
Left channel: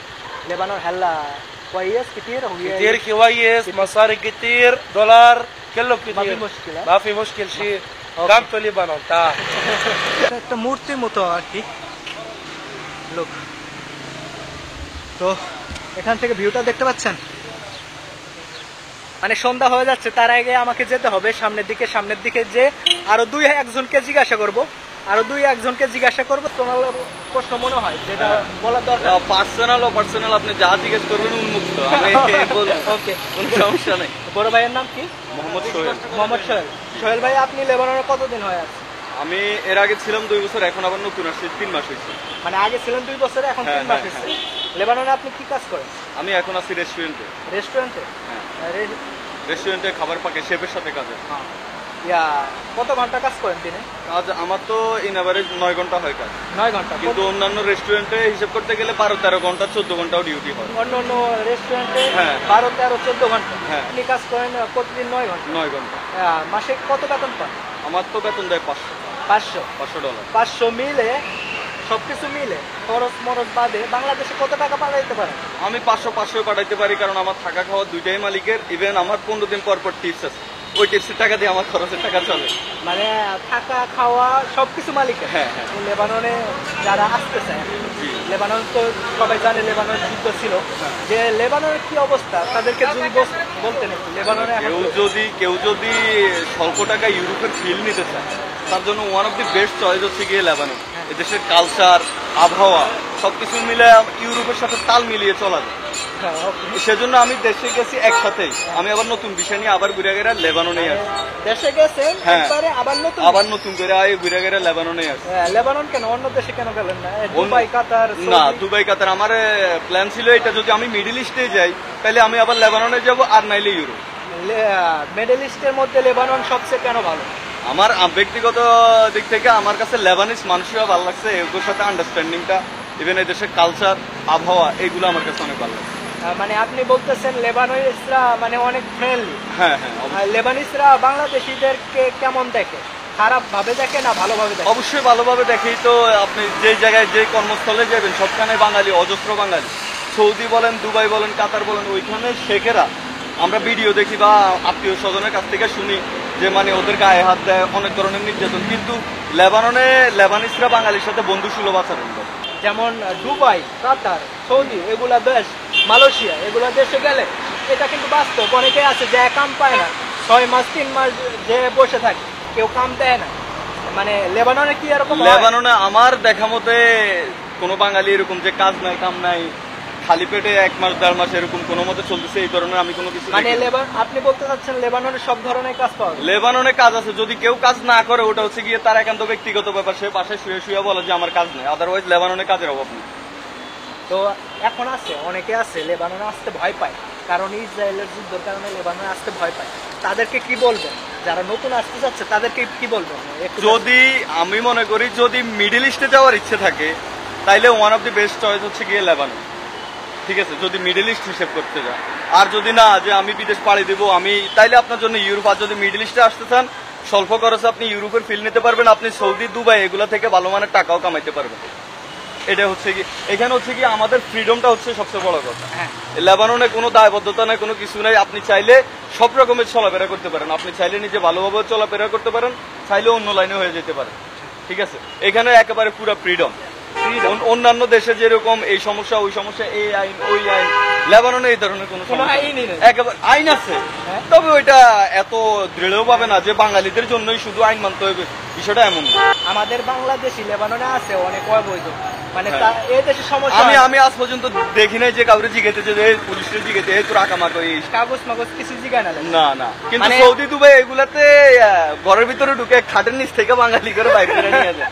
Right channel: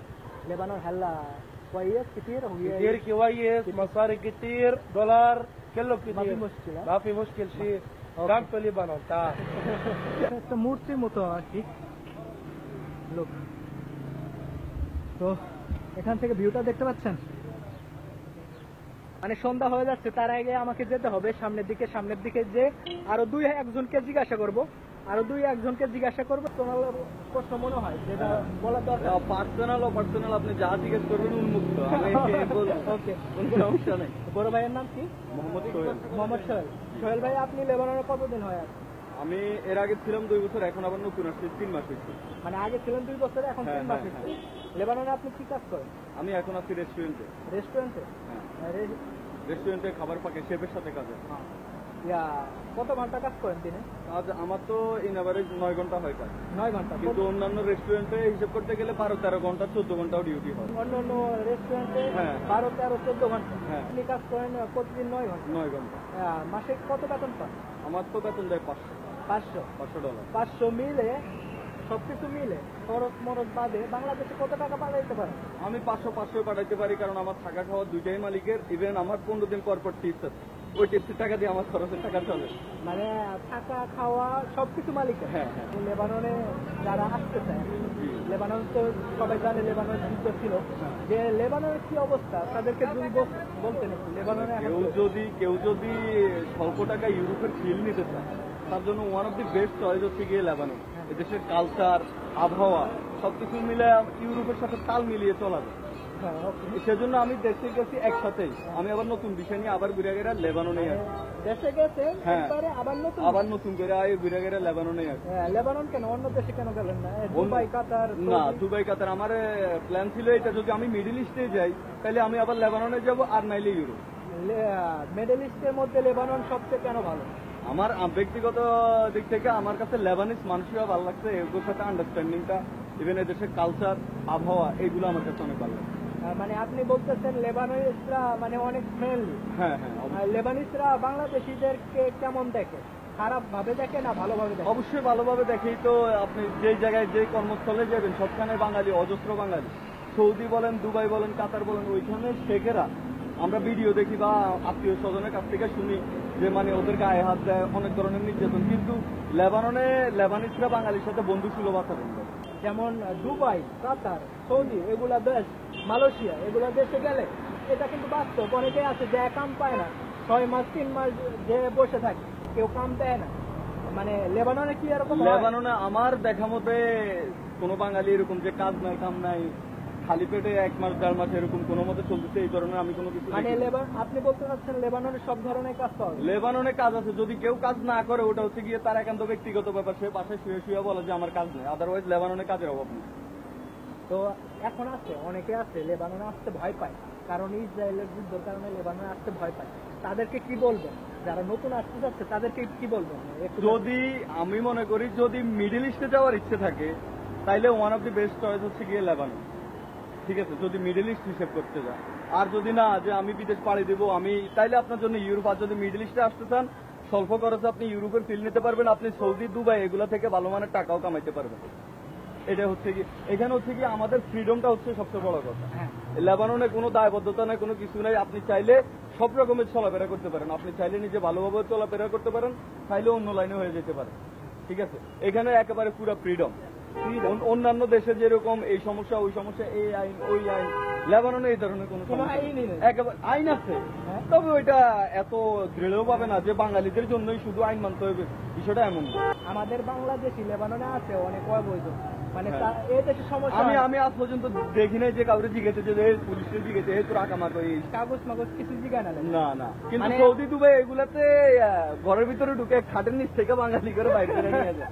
لبنان هلا كويس كتير كتير كويس، مصاري كتير، دولار كله كتير. ما في مشكلة. ما في مشكل شيء. أوكي. كم في لبنان تعال. একটা মূর্তির মতো আর কি লোক। তো এখান থেকে ভিউটা দেখতে পাচ্ছেন, মানে সন্ধ্যা হয়ে যাচ্ছে, তার আগে আমাকে যেতে হবে সামনের দিকে যে আরো 2-1জনকে জিজ্ঞাসা করব, তোমার প্রশ্ন মনে হয় যেটা বলার দরকার? পার্সোনাল আপনি যা জিজ্ঞেস করবেন উন্মুক্ত, আমি বলবো। ওকে, কোনো সমস্যা নেই। বড় ভাইয়ের নাম কি? মোহাম্মদ সোহেল। মোহাম্মদ সোহেল। সোহেল ভাই, আপনি লেবাননে কতদিন হয়ে আছে? আমি এর আগে ছিলাম 2 বছর, এখন আবার নতুন আসছি 3 মাস হয়েছে। মানে আগে ছিলেন 2 বছরে, এখন 3 মাস হ্যাঁ, হয়েছে। লেবাননে আপনি কি কাজ করেন? আমি এখন আছি রেস্টুরেন্টে। রেস্টুরেন্টে? হ্যাঁ, রে- রেস্টুরেন্টে খাবার পাকে শেফের সাথে কাজে। হ্যাঁ। ইয়া, কত ঘন্টা কাজ করেন দিনে? কাজ আমার তো ইন এভারেজ 9 ঘন্টা হয় কাজ, 9 ঘন্টা। কিন্তু অন্যান্য রেস্টুরেন্টে হিসেব করতে গেলে 12-13 ঘন্টা, 14 ঘন্টাও ডিউটি হয়। অন্য অন্য রেস্টুরেন্টে হ্যাঁ। 12, 13, 14 ঘন্টা। হ্যাঁ। আপনি কাজ করেন প্রতিদিন 9 ঘন্টা। 9 ঘন্টা। মাসে কত বেতন পান? আমার তো বেতন দেয় $500। 500 $500। 500 মিলে, সবকিছু মিলে খরচ মরচ বাদে বাংলাদেশে কত টাকা পাঠাইতে পারেন? আমি 500 পাঠাইতে পারি, কারণ আমার থাকা খাওয়া দুইটাই মালিকের। ইভেন আমার 15 দিন পর পর টিপস আছে, ওই টিপসের টাকা দিয়ে আমার খরচের টাকা চলে। মানে থাকা খাওয়া সবকিছু মালিকের। হ্যাঁ, হ্যাঁ। লেবাননে যারা আসতে চায়, জি। লেবানন তো সবাই জানে লেবানন যুদ্ধ ছিল, যে লেবাননের কি অবস্থা তাদেরকে যদি বলতেন একটু। লেবাননে এখন কেউ যদি স্বল্প টাকায় ইউরোপের ফিল নিতে চায়, তার জন্য one of the best choice হচ্ছে গিয়ে লেবানন। এদেশের কালচার, আবহাওয়া সবকিছু মিলে ইউরোপের সাথে তাল মিলিয়ে চলা যায়। হ্যাঁ, okay। সেজন্য আমি দেশে গেছি একসাথেই। আমি আবার নতুন বিষয় নিয়ে আবার ঘুরে গেলে লেবাননে আসি। দেশে গেছেন হ্যাঁ। একবারে আবার নতুন করে ঘুরে গেলে লেবাননে আসি। লেবানন কেন, অন্য দেশে কেন গেলেন না? দুবাই, কাতার, না, সৌদি? দুবাই কাতার আমার প্ল্যান ছিল এটা, যদি আমি মিডল ইস্টে যাই তাহলে আমি আবার লেবাননে যাব, আর নাইলে ইউরোপ। মিডল ইস্টের মধ্যে লেবানন সবচেয়ে কেন ভালো? আমার ব্যক্তিগত দিক থেকে আমার কাছে লেবানিজ মানুষরা ভালো লাগছে, এগুলোর সাথে আন্ডারস্ট্যান্ডিংটা, ইভেন এই দেশের কালচার, আবহাওয়া, এগুলো আমার কাছে অনেক ভালো লাগছে। মানে আপনি বলতেছেন লেবাননিসরা মানে অনেক ফ্রেন্ডলি। হ্যাঁ হ্যাঁ অবশ্যই। লেবানিসরা বাংলাদেশিদেরকে কেমন দেখে? খারাপ ভাবে দেখে না ভালোভাবে দেখে? অবশ্যই ভালোভাবে দেখেই তো আপনি যে জায়গায় যে কর্মস্থলে যাবেন সবখানে বাঙালি, অজস্র বাঙালি। সৌদি বলেন, দুবাই বলেন, কাতার বলেন, ওইখানে শেখেরা আমরা ভিডিও দেখি বা আত্মীয় স্বজনের কাছ থেকে শুনি যে মানে ওদের গায়ে হাত দেয়, অনেক ধরনের নির্যাতন। কিন্তু লেবাননে লেবানিসরা বাঙালির সাথে বন্ধু সুলভ আচরণ করে। যেমন দুবাই, কাতার, সৌদি এগুলা দেশ, মালয়েশিয়া এগুলা দেশে গেলে এটা কিন্তু বাস্তব। অনেকে আছে যে কাম পায় না, 6 মাস 3 মাস যে বসে থাকে, কেউ কাম দেয় না। মানে লেবাননে কি এরকম হয়? লেবাননে আমার দেখা মতে কোনো বাঙালি এরকম যে কাজ নাই কাম নাই খালি পেটে 1 মাস 1.5 মাস এরকম কোনো মতে চলতেছে এই ধরনের আমি কোনো কিছু মানে দেখিনি। আপনি বলতে চাচ্ছেন লেবাননে সব ধরনের কাজ পাওয়া যায়? লেবাননে কাজ আছে, যদি কেউ কাজ না করে ওটা হচ্ছে গিয়ে তার একান্ত ব্যক্তিগত ব্যাপার, সে বাসায় শুয়ে শুয়ে বলে যে আমার কাজ নেই। আদারওয়াইজ লেবাননে কাজের অভাব নেই। তো এখন আছে, অনেকে আছে লেবাননে আসতে ভয় পায়, কারণ ইসরায়েলের যুদ্ধের কারণে লেবাননে আসতে ভয় পায়। তাদেরকে কি বলবেন? যারা নতুন আসতে যাচ্ছে তাদেরকে কি বলবেন? যদি আমি মনে করি যদি মিডল ইস্টে যাওয়ার ইচ্ছে থাকে তাইলে one of the best choice হচ্ছে গিয়ে লেবানন। ঠিক আছে, যদি মিডল ইস্ট হিসেব করতে যান। আর যদি না যে আমি বিদেশ পাড়ি দিব আমি, তাইলে আপনার জন্য ইউরোপ। আর যদি মিডল ইস্টে আসতে চান স্বল্প খরচে আপনি ইউরোপের ফিল নিতে পারবেন, আপনি সৌদি, দুবাই এগুলা থেকে ভালো মানের টাকাও কামাইতে পারবেন। এটা হচ্ছে কি এখানে হচ্ছে কি আমাদের ফ্রিডমটা হচ্ছে সবচেয়ে বড় কথা। হ্যাঁ। লেবাননে কোনো দায়বদ্ধতা নাই, কোনো কিছু নাই। আপনি চাইলে সব রকমের চলাফেরা করতে পারেন, আপনি চাইলে নিজে ভালোভাবে চলাফেরা করতে পারেন, চাইলে অন্য লাইনে হয়ে যেতে পারেন। ঠিক আছে, এখানে একেবারে পুরো ফ্রিডম। অন্যান্য দেশে যেরকম এই সমস্যা ওই সমস্যা, এই আইন ওই আইন, লেবাননে এই ধরনের কোনো আইনই নেই। একেবারে আইন আছে, হ্যাঁ। তবে ওইটা এত দৃঢ় ভাবে না যে বাঙালিদের জন্যই শুধু আইন মানতে হবে, বিষয়টা এমন না। আমাদের বাংলাদেশি লেবাননে আছে অনেক অবৈধ, মানে হ্যাঁ। এই দেশের সমস্যা। আমি আজ পর্যন্ত দেখি নাই যে কাউরে জিজ্ঞেতে যে পুলিশের জিজ্ঞেতে তোর আকামাক কাগজ মাগজ কিছু জিগায় না। না না, কিন্তু মানে- সৌদি দুবাই এগুলাতে ঘরের ভিতরে ঢুকে খাটের নিচ থেকে বাঙালি করে বাইরে করে নিয়ে যায়।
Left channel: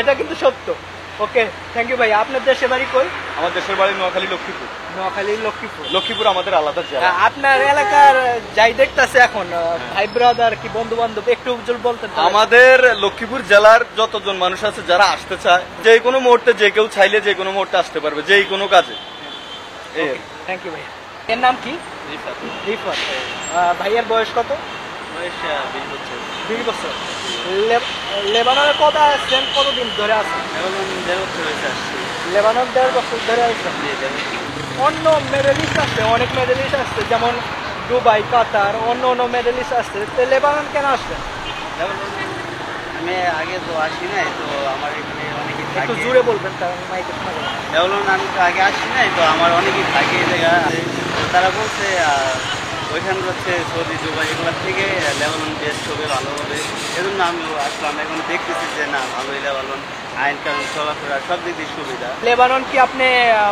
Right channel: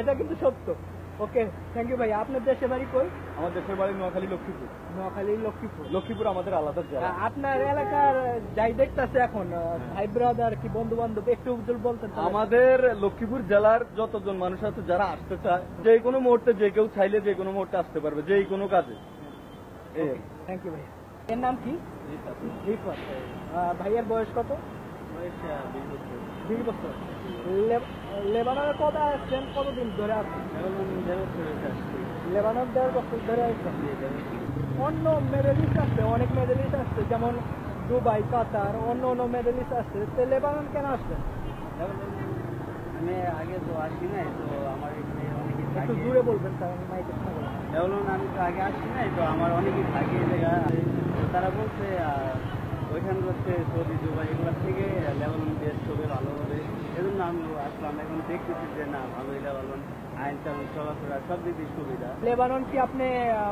এটা কিন্তু সত্য। ওকে, থ্যাংক ইউ ভাই। আপনার দেশের বাড়ি কই? আমার দেশের বাড়ি নোয়াখালী, লক্ষ্মীপুর। নোয়াখালী, লক্ষ্মীপুর। লক্ষ্মীপুর আমাদের আলাদা জেলা। আপনার এলাকার যাই দেখতেছে এখন ভাই ব্রাদার কি বন্ধু বান্ধব, একটু উজ্জ্বল বলতেন তো? আমাদের লক্ষ্মীপুর জেলার যতজন মানুষ আছে যারা আসতে চায়, যে কোনো মুহূর্তে যে কেউ চাইলে যে কোনো মুহূর্তে আসতে পারবে, যে কোনো কাজে। এই আর কি। থ্যাংক ইউ ভাই। এর নাম কি? রিফাত। ভাইয়ের বয়স কত? বয়স 20 বছর। 20 বছর। লেবাননে কত আসছেন, কতদিন ধরে আসছেন? এখন 1.5 বছর হয়েছে আসছি। লেবানন 1.5 বছর ধরে আসছেন। অন্য মেডেলিস্ট আসছে, অনেক মেডেলিস্ট আসছে, যেমন দুবাই, কাতার, অন্য মেডেলিস্ট আসছে। তো লেবানন কেন আসছে? আমি আগে তো আসি নাই, তো আমার এখানে অনেকেই একটু থাকে। জোরে বলবেন কারণ মাইকে শোনা যাবে না। যেমন আমি তো আগে আসি নাই, তো আমার অনেকেই থাকে এই জায়গা। তো তারা বলছে ওইখানে হচ্ছে সৌদি, দুবাই এগুলোর থেকে লেবানন বেস্ট হবে, ভালো হবে। এজন্য আমিও আসলাম। এখন দেখতেছি যে না, ভালোই লেবানন, আইন কানুন চলাফেরা সব দিক দিয়ে সুবিধা। লেবানন কি আপনি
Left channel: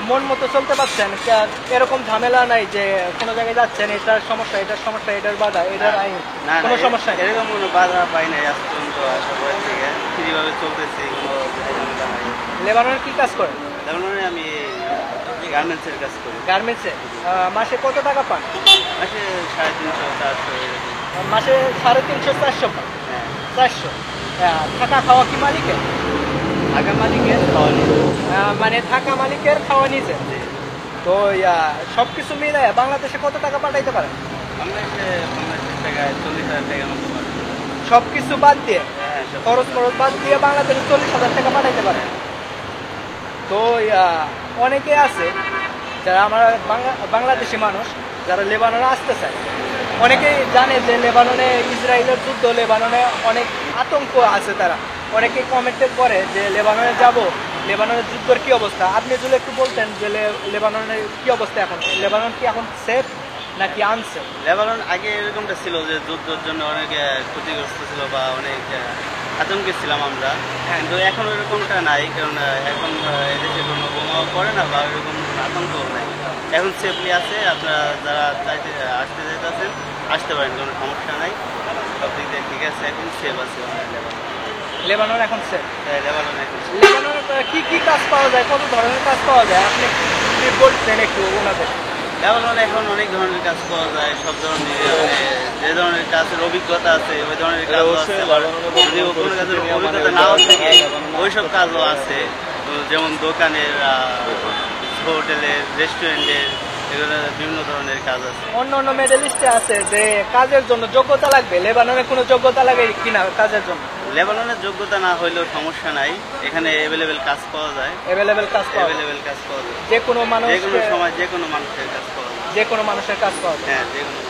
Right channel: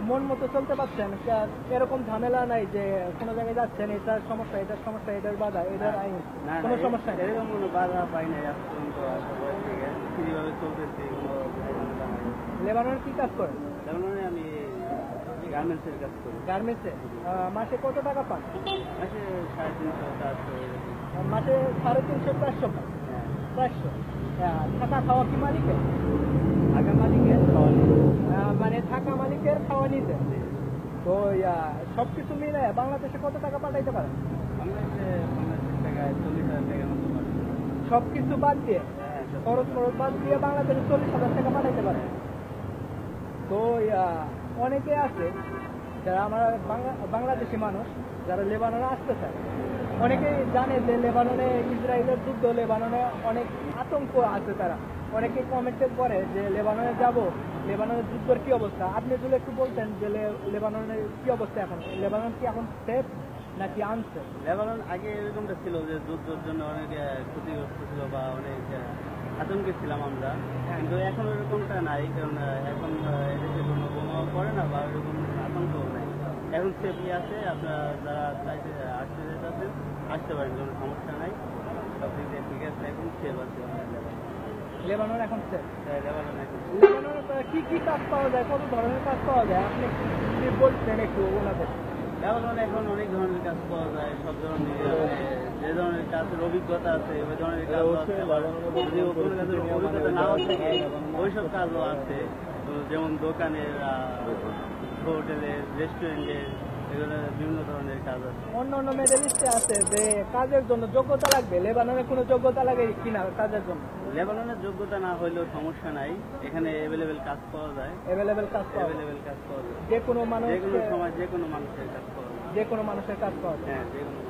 মন মতো চলতে পারছেন? এরকম ঝামেলা নাই যে কোনো জায়গায় যাচ্ছেন এটার সমস্যা, এটার সমস্যা, এটার বাধা, এটার আইন, না কোনো সমস্যা নেই? এরকম কোনো বাধা পাই নাই আজ পর্যন্ত। সবাই থেকে ফ্রিভাবে চলতেছে, কোনো ঝামেলা নাই। লেবাননের কি কাজ করেন? লেবাননে আমি গার্মেন্টসের কাজ করি। গার্মেন্টসে মাসে কত টাকা পান? মাসে 350-400 এরকম। মাসে 350-400 পান? হ্যাঁ, 400। থাকা খাওয়া কি মালিকের? আগের মালিকের খাওয়া নিয়ে। মানে থাকা মালিকের খাওয়া নিজে। তো সবকিছু মিলে বাংলাদেশে কত টাকা পাঠাইতে পারেন? বাংলাদেশের টাকায় 40,000 টাকার মতো পারে। সবকিছু বাদ দিয়ে, হ্যাঁ, সব- খরচ বাদ দিয়ে বাংলাদেশে 40,000 টাকা পাঠাইতে পারেন। তো অনেকে আছে যারা আমার বাংলাদেশি মানুষ যারা লেবাননে আসতে চায়, অনেকেই জানে যে লেবাননে ইসরায়েলের যুদ্ধ, লেবাননে অনেক আতঙ্ক আছে। তারা অনেকে কমেন্টে করে যে লেবাননে যাব, লেবাননের যুদ্ধের কি অবস্থা। আপনি যদি একটু বলতেন যে লেবাননের কি অবস্থা এখন, লেবানন কি এখন সেফ নাকি আনসেফ? লেবানন আগে এরকমটা ছিল যে যুদ্ধের জন্য অনেক ক্ষতিগ্রস্ত ছিল বা অনেক আতঙ্কে ছিলাম আমরা। কিন্তু এখন এরকমটা নাই, কারণ এখন এদেশে কোনো বোমাও পড়ে না বা এরকম কোনো আতঙ্কও নাই। এখন সেফলি আছে। আপনারা যারা চাইতে আসতে চাইতেছেন আসতে পারেন, কোনো সমস্যা নাই। সব দিক দিয়ে ঠিক আছে, এখন সেফ আছে লেবানন। লেবানন এখন সেফ। লেবানন এখন safe। লেবাননে কি কাজ পাওয়া যায়, কত ধরনের কাজ পাওয়া যায়, আপনি যদি বলতেন একটু ওনাদের। লেবাননে এখন অনেক ধরনের কাজ পাওয়া যায়, সব ধরনের যে ধরনের কাজের অভিজ্ঞতা আছে ওই ধরনের কাজ আছে। আবার যদি কোনো কাজের অভিজ্ঞতা নাও থাকে ওইসব কাজও আছে। তো যেমন দোকানের, হোটেলের, রেস্টুরেন্টের এগুলো বিভিন্ন ধরনের কাজ আছে। অন্য অন্য মেডেলিস্টে আছে যে কাজের জন্য যোগ্যতা লাগবে, লেবাননে কোনো যোগ্যতা লাগে কিনা কাজের জন্য? লেবাননের যোগ্যতা না হইলেও সমস্যা নাই, এখানে অ্যাভেলেবেল কাজ পাওয়া যায়। অ্যাভেলেবেল কাজ পাওয়া যায়, অ্যাভেলেবেল কাজ পাওয়া যায়, যে কোনো মানুষ, যে কোনো সময় যে কোনো মানুষের কাজ পাওয়া যায়। যে কোনো মানুষের কাজ পাওয়া যায়। হ্যাঁ, যে কোনো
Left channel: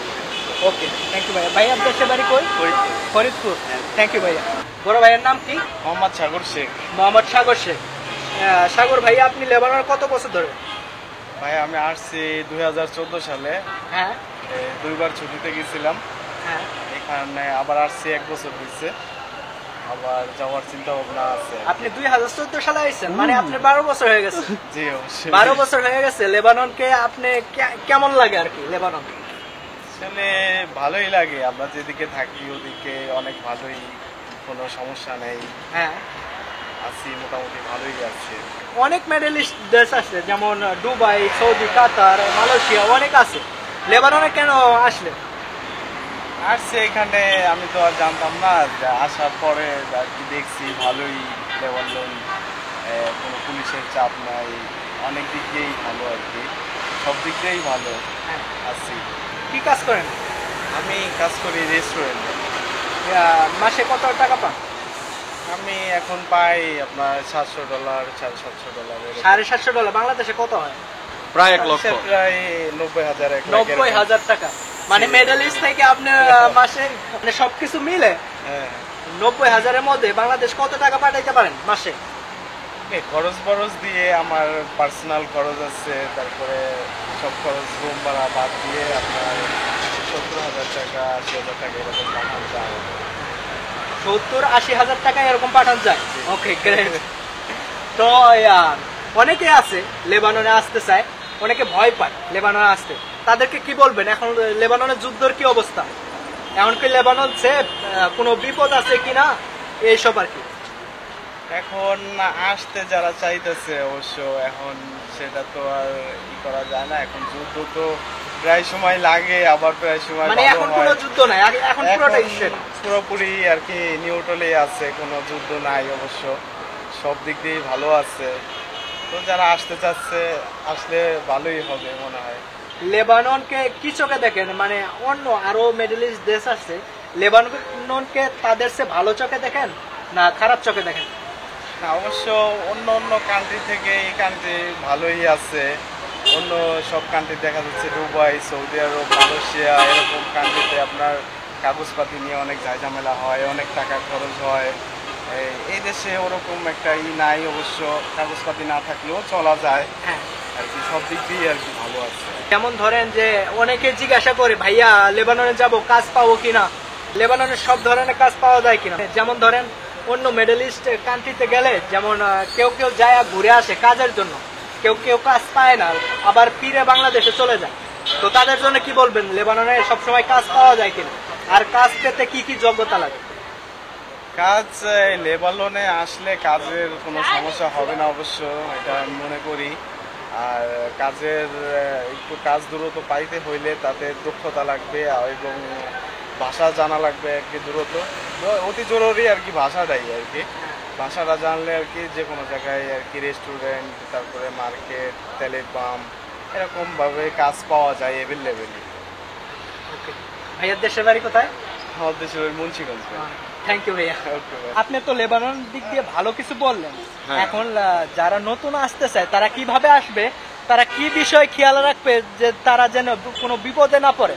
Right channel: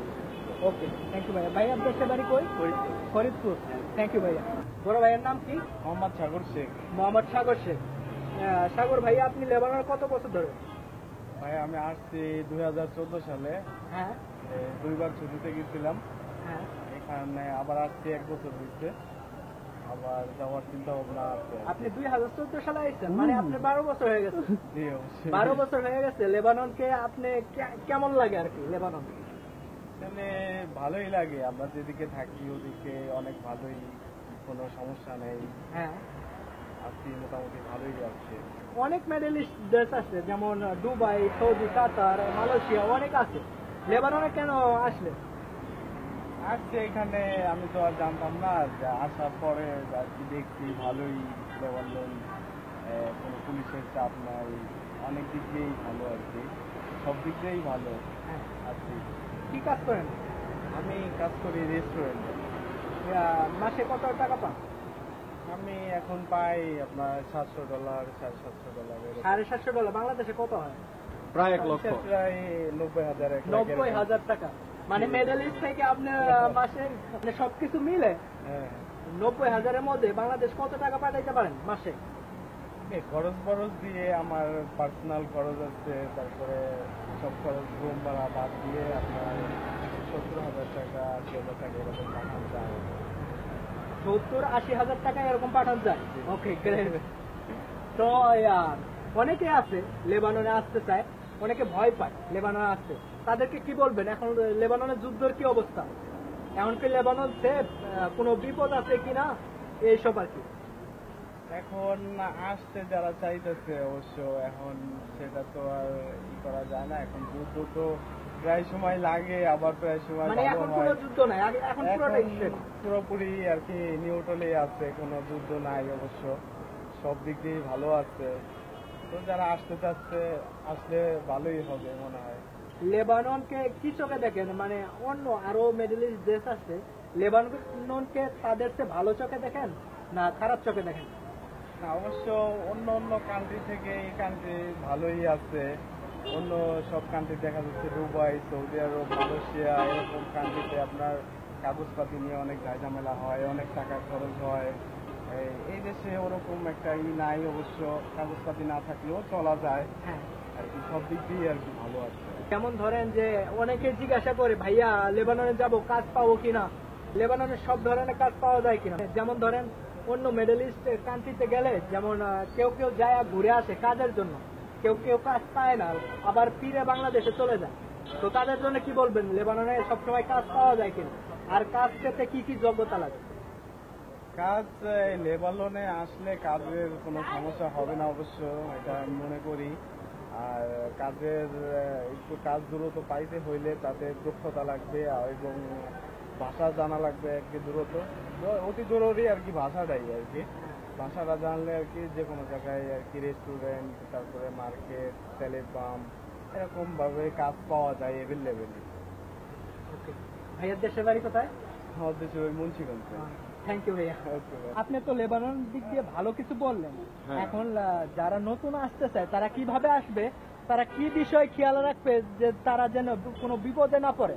ওকে, থ্যাংক ইউ ভাইয়া। ভাই আপনার সে বাড়ি কই? ফরিদপুর। ফরিদপুর। থ্যাংক ইউ ভাইয়া। বড় ভাইয়ের নাম কি? মোহাম্মদ সাগর শেখ। মোহাম্মদ সাগর শেখ। সাগর ভাইয়া, আপনি লেবাননে কত বছর ধরে? ভাই আমি আসছি 2014 সালে, হ্যাঁ 2বার ছুটিতে গেছিলাম, হ্যাঁ। এখানে আবার আসছি 1 বছর হয়েছে, আবার যাওয়ার চিন্তা ভাবনা আছে। আপনি 2014 সালে আইছেন, মানে আপনি 12 বছর হয়ে গেছে। জি অবশ্যই। 12 বছর হয়ে গেছে। লেবাননকে আপনি কেমন লাগে আর কি? লেবানন আসলে ভালোই লাগে, আমরা যেদিকে থাকি ওদিকে অনেক ভালোই, কোনো সমস্যা নেই, হ্যাঁ, আছি মোটামুটি ভালোই আছে। অনেক মেডেলিস্ট দেশ আছে, যেমন দুবাই, সৌদি, কাতার, মালয়েশিয়া, অনেক আছে। লেবাননে কেন আসলে? আসছে এখানে, আমি তো আর জানতাম না, আসার পরে আর কি দেখছি ভালোই লেবানন, কোনো পুলিশের চাপ নাই, অনেক দিক দিয়েই ভালো আর কি, সব দিক দিয়েই ভালো হ্যাঁ। আছি। কি কাজ করেন? আমি কাজ করি রেস্টুরেন্টে। মাসে কত টাকা পান? আমি এখন পাই আপনার $700, $750। $750। বাংলাদেশে কত হয়? প্রায় 1 লক্ষ, প্রায় 90,000, 90,000 টাকা। মানে মেডেলিস্ট থেকে আপনি মাসে মানে সবকিছু মিলে হ্যাঁ। 90,000-এর মধ্যে বাংলাদেশ কত টাকা পাঠাইতে পারেন মাসে? এই খরচ বরচ দিয়ে আমার পার্সোনাল খরচ আছে, তারপরে সব খরচ রুম ভাড়া বাদ দিয়ে আপনার 70,000 টাকা, 80,000 টাকা এরকম পাঠানো যায়। 70-80,000 টাকা এরকম পাঠান যায়। ওকে, গ্রেট। তো অনেকে আছে লেবাননে আসতে চায়, অনেকে ভয় পায় লেবাননে আসতে, তাদেরকে কি বলবেন? এখন লেবাননের যুদ্ধের কি অবস্থা? এখন কি লেবানন সেফ? কোনো বিপদ আছে কিনা এইসব আর কি? এখন আসতে যারা চাইতেছে অবশ্য, এখন সেটা তো আর ই করা যায় না, এখন যুদ্ধ তো প্রায় সময় লাগে, আবার প্রায় সময় মানে ভালো এখন হয়। কোনো যুদ্ধ নাই, এখন পুরোটাই এখন সেফ। পুরোপুরি আর কি নিউট্রালে আছে, কোনো যুদ্ধ নাই অবশ্য, সব দিক দিয়েই ভালো আছে। তো যারা আসতে চাচ্ছে আসলে ভালোই হবে মনে হয়। লেবাননকে কি চোখে দেখেন? মানে অন্য আরো মিডল-ইস্ট দেশ আছে, লেবাননকে তাদের চেয়ে ভালো চোখে দেখেন না খারাপ চোখে দেখেন? না, অবশ্য অন্য অন্য কান্ট্রি থেকে এই কান্ট্রি ভালোই আছে। অন্য সব কান্ট্রি দেখা যাচ্ছে দুবাই, সৌদি আরব, মালয়েশিয়া এরকম কান্ট্রিতে আপনার কাগজপাতি নিয়ে অনেক ঝামেলা হয়, অনেক টাকা খরচ হয়। এই দেশে ওরকম একটা নাই, অবশ্য কাগজপাতি না থাকলেও চলা যায় হ্যাঁ, আর কি, সব দিক দিয়ে আর কি ভালো আছে। যেমন ধরেন যে অনেকে জিজ্ঞাসা করে ভাইয়া লেবাননে যাব, কাজ পাবো কিনা, লেবাননে সব ধরনের কাজ পাওয়া যায় কিনা। যেমন ধরেন অন্য মিডল ইস্ট কান্ট্রিতে গেলে যেমন কেউ কেউ যায় ঘুরে আসে কাজের জন্য, কেউ কেউ কাজ পায় না, আবার ফিরে বাংলাদেশে চলে যায়। তো তাদের জন্য কি বলবেন? লেবাননে সবসময় কাজ পাওয়া যায় কিনা, আর কাজ পেতে কি কি যোগ্যতা লাগে? কাজ লেবাননে আসলে কাজের কোনো সমস্যা হবে না অবশ্য, এটা আমি মনে করি। আর কাজের একটু কাজ দ্রুত পাইতে হইলে তাদের দক্ষতা লাগবে এবং ভাষা জানা লাগবে আর কি, দ্রুত অতি জরুরি আর কি ভাষাটাই আর কি। ভাষাটা জানলে আর কি যে কোনো জায়গায় আর কি রেস্টুরেন্ট, তারপরে মার্কেট, তেলের পাম্প এরকমভাবে কাজ পাওয়া যায় অ্যাভেলেবেলি। ওকে, ভাইয়ার দেশের বাড়ি কোথায়? আমাদের দেশের মুন্সিগঞ্জ। থ্যাংক ইউ ভাইয়া। ওকে ভাই। আপনি তো লেবানন দিক দিয়ে ভালো কিছু বললেন। হ্যাঁ। এখন যারা নতুন আসতে চায় তারা কিভাবে আসবে, তারা কি বিষয় খেয়াল রাখবে যে তারা যেন কোনো বিপদে না পড়ে?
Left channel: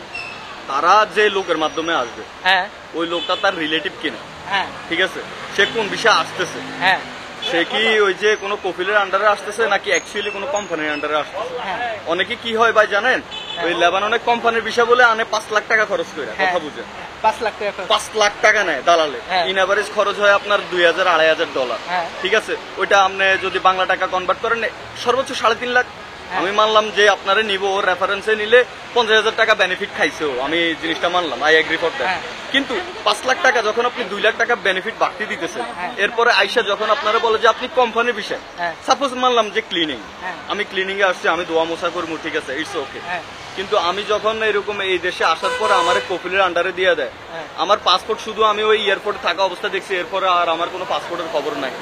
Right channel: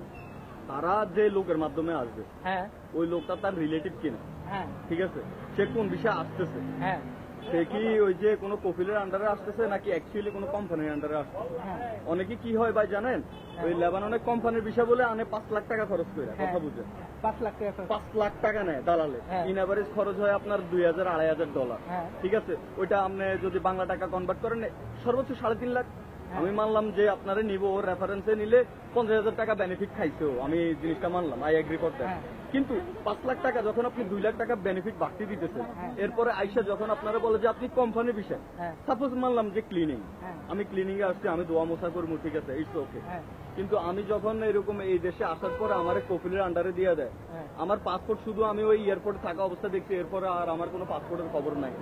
তারা যে লোকের মাধ্যমে আসবে, হ্যাঁ ওই লোকটা তার রিলেটিভ কিনা, হ্যাঁ ঠিক আছে, সে কোন বিষয়ে আসতেছে, হ্যাঁ সে কি ওই যে কোনো কফিলের আন্ডারে আসতেছে নাকি অ্যাকচুয়ালি কোনো কোম্পানির আন্ডারে আসতেছে। হ্যাঁ অনেকে কি হয় ভাই জানেন, ওই লেবাননের কোম্পানির বিষয় বলে আনে 5 লাখ টাকা খরচ করে, হ্যাঁ। কথা বুঝে 5 লাখ টাকা খরচ। 5 লাখ টাকা নেয় দালালে, হ্যাঁ। ইন এভারেজ খরচ হয় আপনার $2,000-2,500। হ্যাঁ। ঠিক আছে, ওইটা আপনি যদি বাংলা টাকা কনভার্ট করেন সর্বোচ্চ 3.5 লাখ। হ্যাঁ। আমি মানলাম যে আপনারা নিব, রেফারেন্সে নিলে 50,000 টাকা বেনিফিট খাইছে, আমি জিনিসটা মানলাম, আই এগ্রি ফর দ্যাট। হ্যাঁ। কিন্তু 5 লাখ টাকা যখন আপনি 2 লাখ টাকা বেনিফিট বাড়তি দিতেছেন, হ্যাঁ। এরপরে আইসা যখন আপনারা বলে যে আপনি কোম্পানির বিষয়, হ্যাঁ। সাপোজ মানলাম যে ক্লিনিং, হ্যাঁ। আমি ক্লিনিং এ আসছি, আমি দোয়া মোছা করবো, ঠিক আছে, ইটস ওকে। হ্যাঁ। কিন্তু আমি যখন এরকম এই দেশে আসার পরে আমার কপিলের আন্ডারে দিয়ে দেয়, হ্যাঁ। আমার পাসপোর্ট শুধু আমি ওই এয়ারপোর্টে থাকা অবস্থা দেখছি, এরপরে আর আমার কোনো পাসপোর্টের খবর নাই,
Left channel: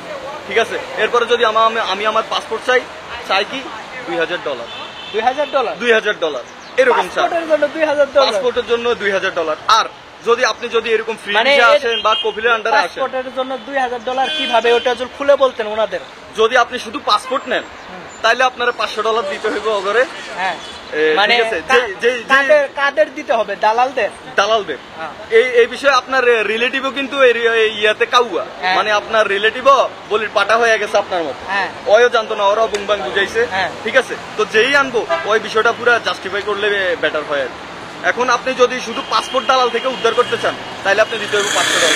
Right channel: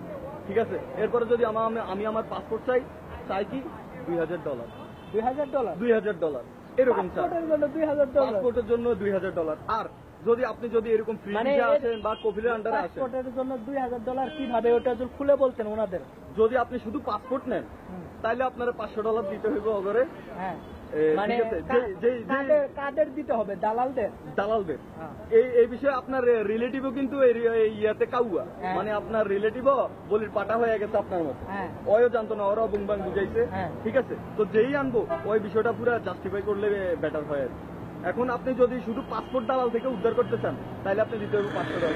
ঠিক আছে। এরপরে যদি আমি আমার পাসপোর্ট চাই কি $2,000, $2000 $2000 এরকম চার্জ। পাসপোর্টের জন্য $2000 পাসপোর্টের জন্য $2000। আর আপনি যদি এরকম ফ্রি মানে ভিসা আসেন বা কপিলের আন্ডারে আসেন, পাসপোর্টের জন্য $2000 কিভাবে ওটা যদি খুলে বলতেন ওনাদের। যদি আপনি শুধু পাসপোর্ট নেন তাহলে আপনার $500 দিতে হইব ওগরে। হ্যাঁ ঠিক মানে আছে, কাদের দিতে হবে, দালালদের? দালালদের। হ্যাঁ। এই বিষয়ে আপনার রিলেটিভও কিন্তু ইয়াতে কাউয়া, হ্যাঁ। মানে আপনার রিলেটিভও বলির পাটা হয়ে গেছে আপনার মতো। হ্যাঁ। ওইও জানতো না, ওরাও বুংবাং বুঝাইছে। হ্যাঁ। ঠিক আছে, তো যেই আনবো ওই বিষয়টা পুরো জাস্টিফাই করলে বেটার হয় আর কি। এখন আপনি যদি শুধু পাসপোর্ট দালাল থেকে উদ্ধার করতে চান তাহলে আপনি দিতে হবে $500।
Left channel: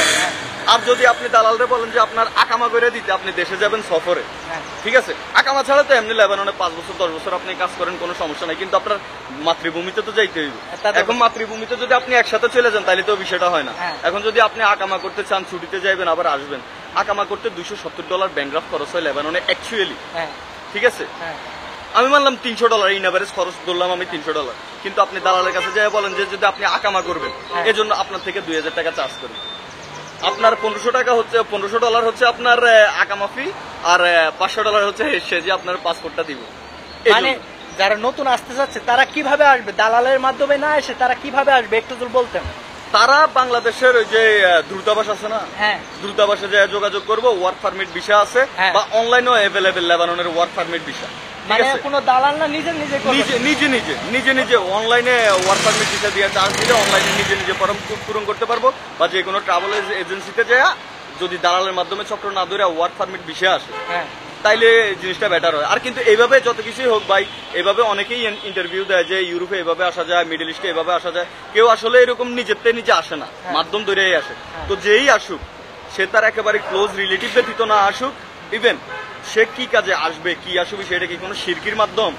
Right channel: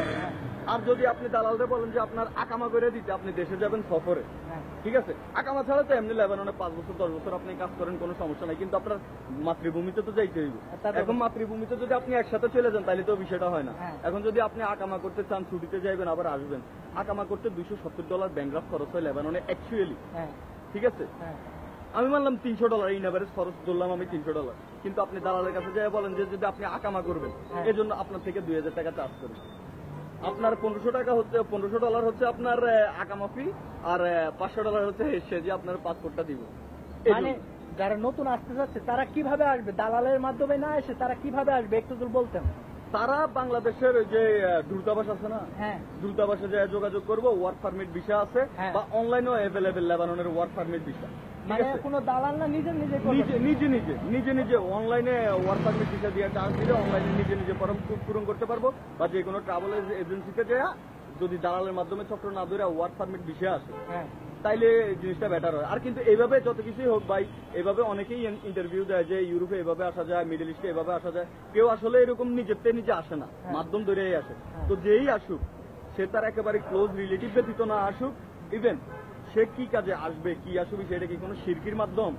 আর যদি আপনি দালালরে বলেন যে আপনার আকামা করে দিতে, আপনি দেশে যাবেন সফরে, হ্যাঁ। ঠিক আছে, আকামা ছাড়া তো এমনি লেবাননে 5 বছর 10 বছর আপনি কাজ করেন, কোনো সমস্যা নাই, কিন্তু আপনার মাতৃভূমিতে তো যাইতে হইবে। তা তো- এখন মাতৃভূমিতে যদি আপনি একসাথে চলে যান তাহলে তো বিষয়টা হয় না। হ্যাঁ। এখন যদি আপনি আকামা করতে চান, ছুটিতে যাইবেন আবার আসবেন, আকামা করতে $270 ব্যাংক ড্রাফট খরচ হয় লেবাননে অ্যাকচুয়ালি। হ্যাঁ। ঠিক আছে, হ্যাঁ। আমি মানলাম $300 ইন এভারেজ খরচ ধরলাম আমি $300, কিন্তু আপনি দালালের কাছে যাই বলেন যে যদি আপনি আকামা করবেন হ্যাঁ। এজন্য আপনার থেকে $2000 চার্জ করবেন। আপনার $1500 হচ্ছে আপনার আকামা ফি, আর $500 হচ্ছে সে যে আপনার পাসপোর্টটা দিব। মানে যারা নতুন আসতে যাচ্ছে তারা কিভাবে আসবে? দালালের মাধ্যমে না এসে তারা কিভাবে আসবে একটু যদি বলতেন। তারা বাংলাদেশের ওই যে দূতাবাস আছে না, হ্যাঁ। দূতাবাসে যায় যোগাযোগ করবো, ওয়ার্ক পারমিট ভিসা আছে, হ্যাঁ। বা অনলাইনেও অ্যাভেলেবেল লেবাননের ওয়ার্ক পারমিট ভিসা। ঠিক মানে আছে, কোনো দালাল না, নিজে নিজে করবে? নিজে অনলাইনে ওয়ার্ক পারমিট ভিসা দিয়ে চার্জ দিলে অনলাইনে নিজে ফর্ম পূরণ করতে পারবো, বা যে কোনো ট্রাভেল এজেন্সিতে যায় যদি দালালের মাধ্যমে চক্র না ধরে ওয়ার্ক পারমিট ভিসা আসে হ্যাঁ। তাইলে জিনিসটা বেটার হয়। আর কিন্তু এইভাবে যত কিছুই হোক ভাই, এইভাবে অনেকেই ইন্টারভিউ দেয় যে ইউরোপে এভাবে আসা যায়, মিডল ইস্টে এভাবে আসা যায়, কেউ আসলে এরকম নিজে আসে না, মাধ্যম ধরেই আসে। তো যেই আসুক সে তার একেবারে ক্লোজ রিলেটিভ ব্যতীত না আসুক, ইভেন সে কি কাজে আসবে, কি আসবে, সেটা কি কোনো শিরকির মাধ্যম?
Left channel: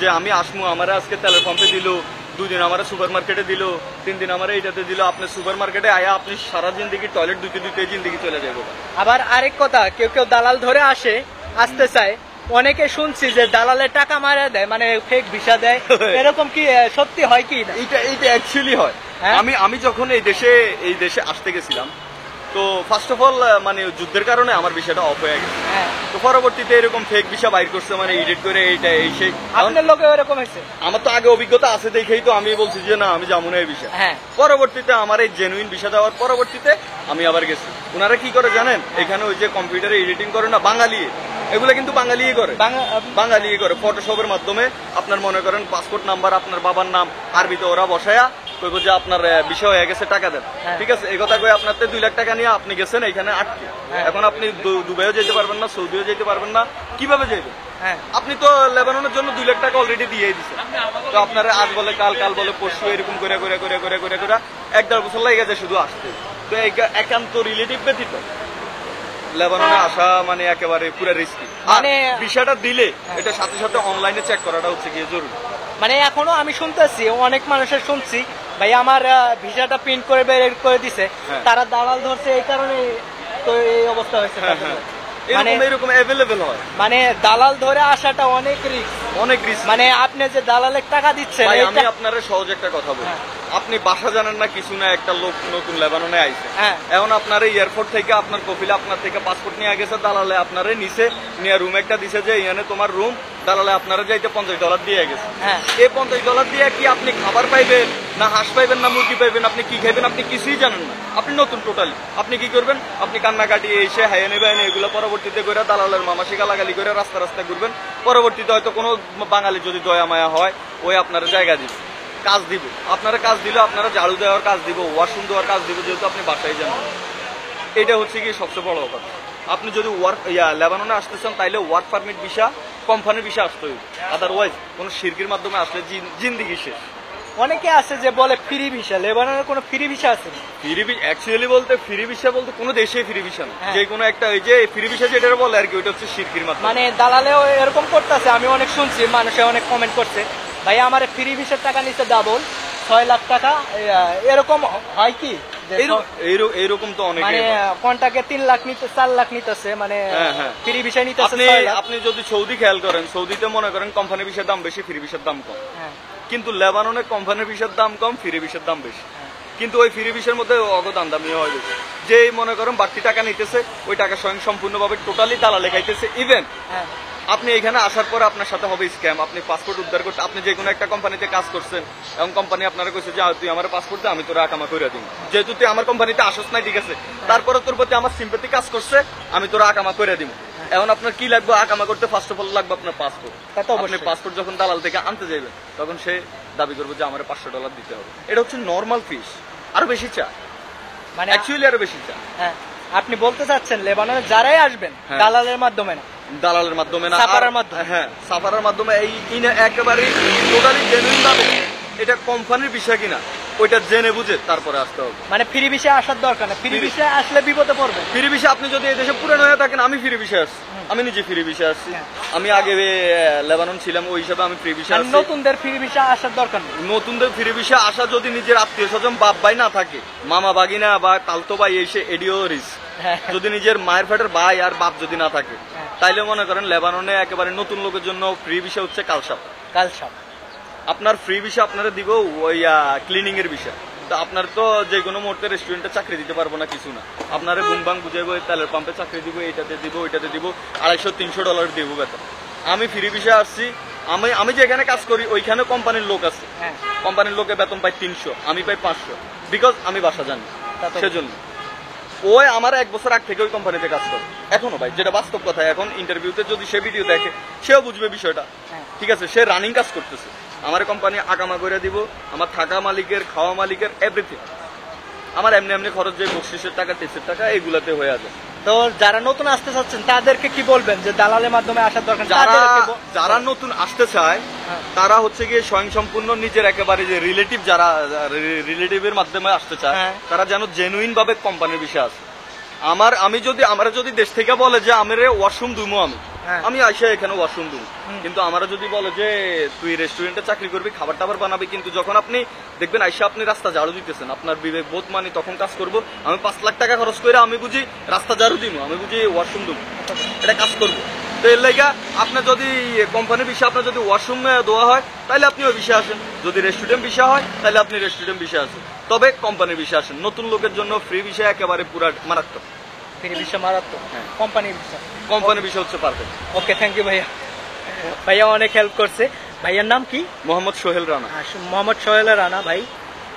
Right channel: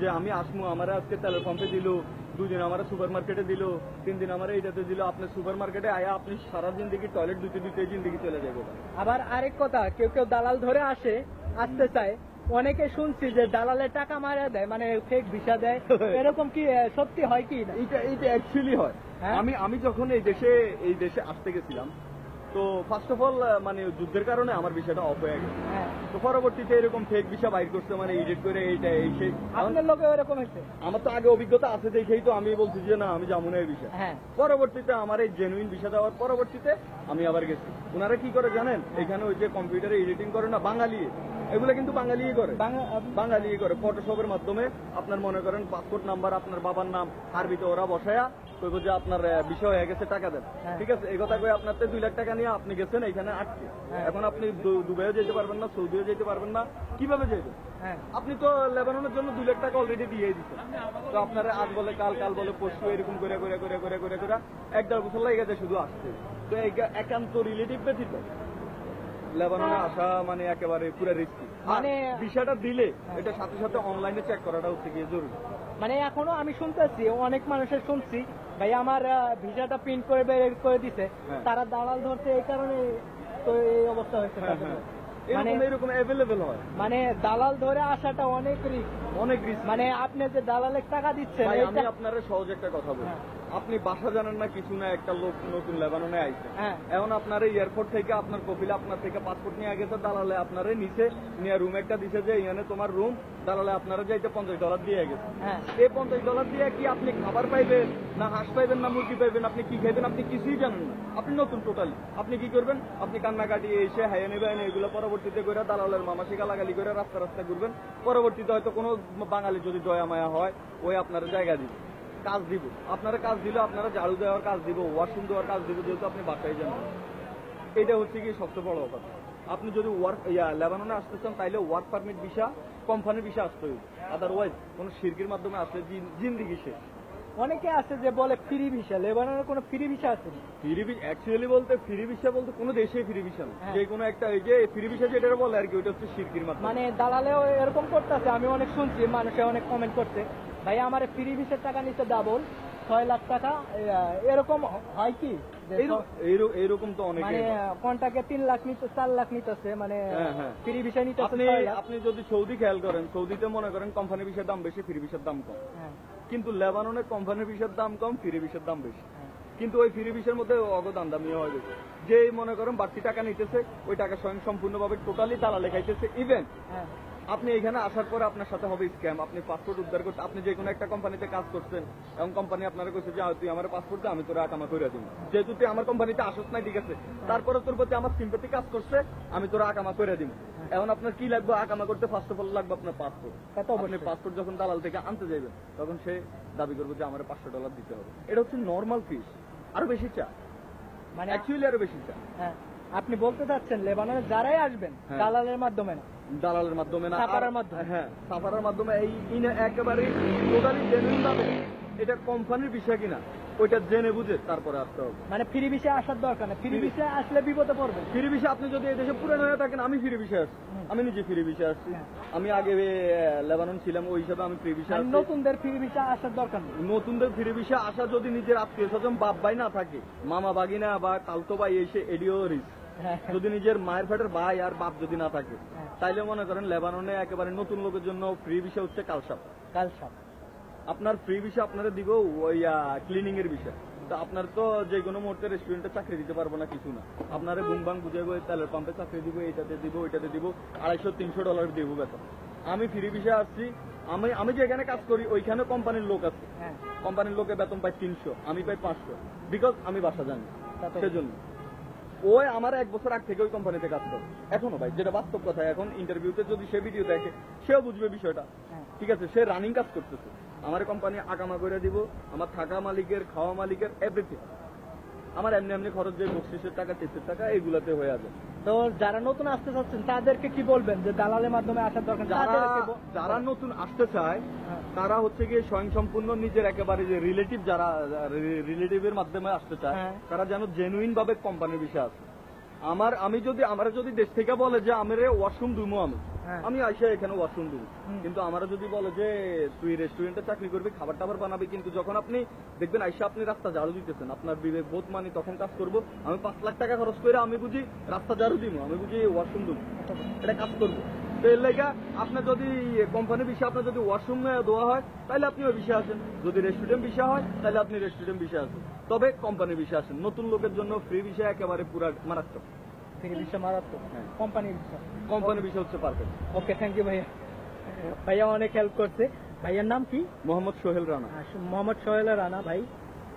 যে আমি আসমু, আমার আজকে তেলের পাম্পে দিল, 2 দিন আমার সুপার মার্কেটে দিল, 3 দিন আমার এইটাতে দিল, আপনি সুপার মার্কেটে আয়া আপনি সারা জিন্দিগি টয়লেট ধুতে জিন্দিগি চলে যাবো। আবার আরেক কথা, কেউ দালাল ধরে আসতে চায়, অনেকে শুনছি যে দালালের টাকা মারা দেয়, মানে ফেক ভিসা দেয়, এরকম কি সত্যি হয় কি না? এইটা অ্যাকচুয়ালি হয়। হ্যাঁ? আমি যখন এই দেশে আসতে গেছিলাম, তো ফার্স্ট অফ অল মানে যুদ্ধের কারণে আমার ভিসাটা অফ হয়ে গেছে। হ্যাঁ। তো পরবর্তীতে এরকম ফেক ভিসা বাইর করছে, মানে এডিট করে এইটা এই সেই। আপনার লোকে এরকম হয়েছে? আমার তো আগে অভিজ্ঞতা আছে দেখেই তো আমি বলছি যে না আমি যাবো না এই ভিসা। হ্যাঁ। পরবর্তীতে আমার এই জেনুইন ভিসা দেওয়ার পরবর্তীতে আমি আবার গেছি। ওনারা কি করে জানেন, এখানে ওই যে কম্পিউটারে এডিটিং করে না বাঙালি, এগুলো কিন্তু বাঙালিই করে, বাঙালি করে ফটোশপের মাধ্যমে আপনার মনে করেন পাসপোর্ট নাম্বার, আপনার বাবার নাম আরবিতে ওরা বসায়া কইব যে আপনার বিষয় হয়ে গেছে, টাকা দেন। ঠিক আছে, এই কথা কই আপনার 2 লাখ টাকা নিয়ে আপনি গেছেন এখানে আটকে। এখন আপনি দুবাইও যেতে পারবেন না, সৌদিও যেতে পারবেন না, কিভাবে যাইবেন? হ্যাঁ। আপনি তো লেবাননের জন্য 2 লাখ টাকা অলরেডি দিয়ে দিচ্ছেন, তো আপনারা আজ বলে কাল বলে পরশু এরকম করে 1-1.5 বছর লাগে গেছে শুধু আসতে। তো একান্ত রিলেটিভ ব্যতীত লেবাননে আসা মানে একেবারে পুরো রিস্কি। মানে ভিসাটা দিলে এটা সাথে সাথে অনলাইনে চেক করাটা হচ্ছে কি জরুরি। মানে এখনো আমি শুনতেছি, অনেক মানুষের শুনছি ভাই আমার ভিসাটা প্রিন্ট করে বের করে দিছে, তারা দালাল ধরছে, এই কারণে তো এই অবস্থা হয়েছে। এরকম অ্যাভেলেবেল হয়, মানে দালাল ধরে আসাটা অনেক রিস্ক। মানে আপনি যে দালালের টাকা দিচ্ছেন, আমি আপনার সহজ একটা কথা বলি, আপনি বাসা জানেন না কিছু না, একটা লোক নতুন লেবাননে আইছে, এখন আপনার এয়ারপোর্ট থেকে আপনার কপিলে আপনার থেকে পাসপোর্ট নিয়ে গেছে, দালালে আপনারে নিচে নিয়ে রুম একটা দিছে যে এখানে তোমার রুম, দালালে আপনারা যাইতে $50 দিয়ে গেছে। এই $50 দিয়ে কি আপনি খাবার পাইবেন না হাঁস পাইবেন না মুরগি পাইবেন, আপনি কি খাইবেন আপনি কিছুই জানেন না, আপনি নতুন টোটালি। আপনি কি করবেন, আপনি কান্নাকাটি এসে হাইয়ে নেবেন, এগুলো পরবর্তীতে করে দালালের মামাসি গালাগালি করে রাস্তা ঘুরবেন, পরবর্তীতে হয়তো কোনো বাঙালি যদি দয়া মায়া হয় ওই আপনার জায়গা দিবে, কাজ দিব, আপনারা কাজ দিলে আপনারা ঝাড়ু দেওয়ার কাজ দিব, ওয়াশরুম দেওয়ার কাজ দিব, যেহেতু আপনি বাসায় যান। এটা হচ্ছে কি সবচেয়ে বড় কথা। আপনি যদি লেবাননে আসতে চান তাইলে ওয়ার্ক পারমিট ভিসা, কোম্পানির ভিসা আসতে হবে, আদারওয়াইজ কোন শিরকির মাধ্যমে আসলে জিন্দিগি শেষ। অনেকে আছে যে বলে ফ্রি ভিসা, লেবাননের কোনো ফ্রি ভিসা আছে? অ্যাকচুয়ালি বলতে ফ্রি ভিসা বলতে কোনো দেশে ফ্রি ভিসা না, যে কোনো একটা ওই যে ফ্রি ভিসা যেটা বলে আর কি, ওইটা হচ্ছে শিরকির মাধ্যমে। মানে দালালেও এরকম করতেছে, আমি অনেক শুনছি, মানুষে অনেক কমেন্ট করছে, ভাই আমার ফ্রি ভিসার টাকা নিচ্ছে ডাবল 6 লাখ টাকা, এরকম হয় কি? এইরকম তো অনেক, মানে কন্টাকে 3 লাখ নিতে 4 লাখ নিতেছে, মানে ফ্রি ভিসা নিতেছে 6 লাখ। আপনি যদি সৌদি খেয়াল করেন, সৌদিতে মনে করেন কোম্পানি ভিসার দাম বেশি, ফ্রি ভিসার দাম কম, কিন্তু লেবাননে কোম্পানি ভিসার দাম কম, ফ্রি ভিসার দাম বেশি, কিন্তু ওই ফ্রি ভিসার মধ্যে দামি হয় বেশি। যে মনে করেন বাড়তি টাকা নিতেছে ওই টাকা স্বয়ং সম্পূর্ণভাবে টোটালি দালালে খাইতেছে। ইভেন আপনি এখানে আসার পর আপনার সাথে হবে স্ক্যাম, আপনি পাসপোর্ট উদ্ধার করতে, আপনি যে কোনো একটা কোম্পানিতে কাজ করছেন এবং কোম্পানি আপনারা কইছে যে তুই আমার পাসপোর্ট দে, আমি তোরা আকামা করে দিই। যেহেতু তুই আমার কোম্পানিতে আসছ নাই, ঠিক আছে, তারপরে তোর প্রতি আমার সিম্পেথি কাজ করছে, আমি তোরা আকামা করে দিব। এখন আপনার কি লাগবে আকামা করতে? ফার্স্ট অফ অল লাগবে আপনার পাসপোর্ট। তা তো আপনি অবশ্যই। পাসপোর্ট যখন দালাল থেকে আনতে যাবেন তখন সে দাবি করবে যে আমার $500 দিতে হবে। এটা হচ্ছে নর্মাল ফিস, আরো বেশি চা, মানে অ্যাকচুয়ালি আরো বেশি চা। হ্যাঁ, আপনি বলতে চাচ্ছেন লেবাননে যারাই আসবেন হ্যাঁ। দালালের মাধ্যমে না, দালালের মাধ্যমে না, সাফারার আর- মাধ্যমে। হ্যাঁ, সাফারার মাধ্যমে। এই একেবারে টোটালি জেনুইন ভাবে এটা কোম্পানির বিষয় কিনা ওইটা জেনে বুঝে তারপরে আসতে হবে। মানে ফ্রি ভিসায় আসার দরকার না, ফ্রি ভিসায় আসলে বিপদে পড়বে। ফ্রি ভিসা আপনি যদি এই দেশে পুরানো হয়ে থাকেন, আমি ফ্রি ভিসা আসছি, আমি নিজে ফ্রি ভিসা আসছি। হ্যাঁ। আমি আগে লেবানন ছিলাম, ওই হিসাবে আমি ফ্রি ভিসা মানে আসছি। নতুনদের ফ্রি ভিসা আসার দরকার নেই। নতুনদের ফ্রি ভিসা আসা যদি নিজের আত্মীয় স্বজন বাপ ভাই না থাকে, মামা বাগিনা বা তালতো ভাই এসে এডিও রিস্ক, হ্যাঁ। যদি নিজের মায়ের ফেটের ভাই আর বাপ যদি না থাকে, হ্যাঁ। তাইলে মনে করেন লেবাননে একেবারে নতুন লোকের জন্য ফ্রি ভিসা হচ্ছে কালসাপ। কাল সব আপনার ফ্রি ভিসা আপনারা দিব ওই ক্লিনিং এর বিষয়। তো আপনার তো যে কোনো মুহূর্তে রেস্টুরেন্টে চাকরি দিতে পারবো না, কিছু না, আপনারা বুম বাং বুঝাইবো, তেলের পাম্পে চাকরি দিব, এইটাতে দিব, ওইটাতে দিব, $250-300 দিব বেতন। আমি ফ্রি ভিসা আসছি, আমি যেখানে কাজ করি ওইখানে কোম্পানির লোক আছে, হ্যাঁ। কোম্পানির লোকে বেতন পাই 300, আমি পাই 500, বিকজ আমি বাসা জানি। তা তো সেজন্য ওই আমার 1 বছর আগ থেকে ওই কোম্পানিতে কাজ করে এখনো ভাই, যেটা বাস্তব কথা। এখন ইন্টারভিউতে যদি সে ভিডিও দেখে সেও বুঝবে বিষয়টা, হ্যাঁ। ঠিক আছে, সে রানিং কাজ করতেছে। আমার কোম্পানি আকামা করে দিব, আমার থাকা মালিকের, খাওয়া মালিকের, এভরিথিং। আমার এমনি এমনি খরচ, যে বকশিসের টাকা, টেস্টের টাকা, এইগুলাতে হয়ে যাবে। তো যারা নতুন আসতে চাচ্ছেন তাদেরকে কি বলবেন যে দালালের মাধ্যমে আসার দরকার নেই? যারা তাদেরকে যারা নতুন আসতে চায় হ্যাঁ। তারা হচ্ছে গিয়ে স্বয়ংসম্পূর্ণ নিজের একেবারে যে রিলেটিভ, যারা রিলেটিভের মাধ্যমে আসতে চায়, হ্যাঁ। তারা যেন জেনুইন ভাবে কোম্পানির বিষয় আছে। আমরা যদি দেশ থেকে বলে যে আমার ওয়াশরুম দুমো, হ্যাঁ। আমি আইসা এখানে ওয়াশরুম দুম, কিন্তু আমরা যদি বলে যে তুই রেস্টুরেন্টে চাকরি করবি, খাবার টাবার বানাবি, কিন্তু যখন আপনি দেখবেন আইসা আপনি রাস্তা ঝাড়ু দিতেছেন, আপনার বিবেক বোধ মানি তখন কাজ করবো। আমি 5 লাখ টাকা খরচ করে আমি বুঝি রাস্তা ঝাড়ু দিব, আমি বুঝি ওয়াশরুম দুম, এটা কাজ করবো। তো এর লাইগা আপনার যদি কোম্পানির বিষয়, আপনার যদি ওয়াশরুম দেওয়া হয় তাহলে আপনি ওই বিষয়ে আসেন, যদি রেস্টুরেন্ট বিষয় হয় তাহলে আপনি রেস্টুরেন্ট বিষয়ে আসেন, তবে কোম্পানির বিষয়ে আসেন। নতুন লোকের জন্য ফ্রি বিষয় একেবারে পুরা মারাত্মক, ফ্রি ভিসা মারাত্মক, হ্যাঁ। কোম্পানির ভিসা। কোম্পানির বিষয় হচ্ছে পারফেক্ট। ওকে, থ্যাংক ইউ ভাইয়া। ভাইয়া অনেক হেল্প করছে। ভাইয়ার নাম কি? মোহাম্মদ সোহেল রানা। মোহাম্মদ সোহেল রানা ভাই।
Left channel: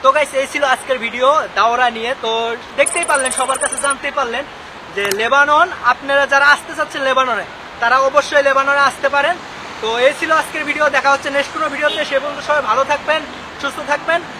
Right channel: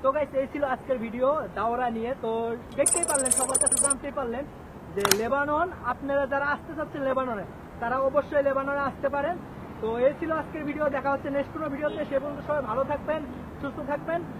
তো গাইস, এই ছিল আজকের ভিডিও দাওরা নিয়ে। তো দেখতেই পারলেন, সবার কাছে জানতেই পারলেন যে লেবানন, আপনারা যারা আসতে চাচ্ছেন লেবাননে, তারা অবশ্যই লেবাননে আসতে পারেন। তো এই ছিল আজকের ভিডিও, দেখা হচ্ছে নেক্সট কোনো ভিডিওতে। সে পর্যন্ত সবাই ভালো থাকবেন, সুস্থ থাকবেন।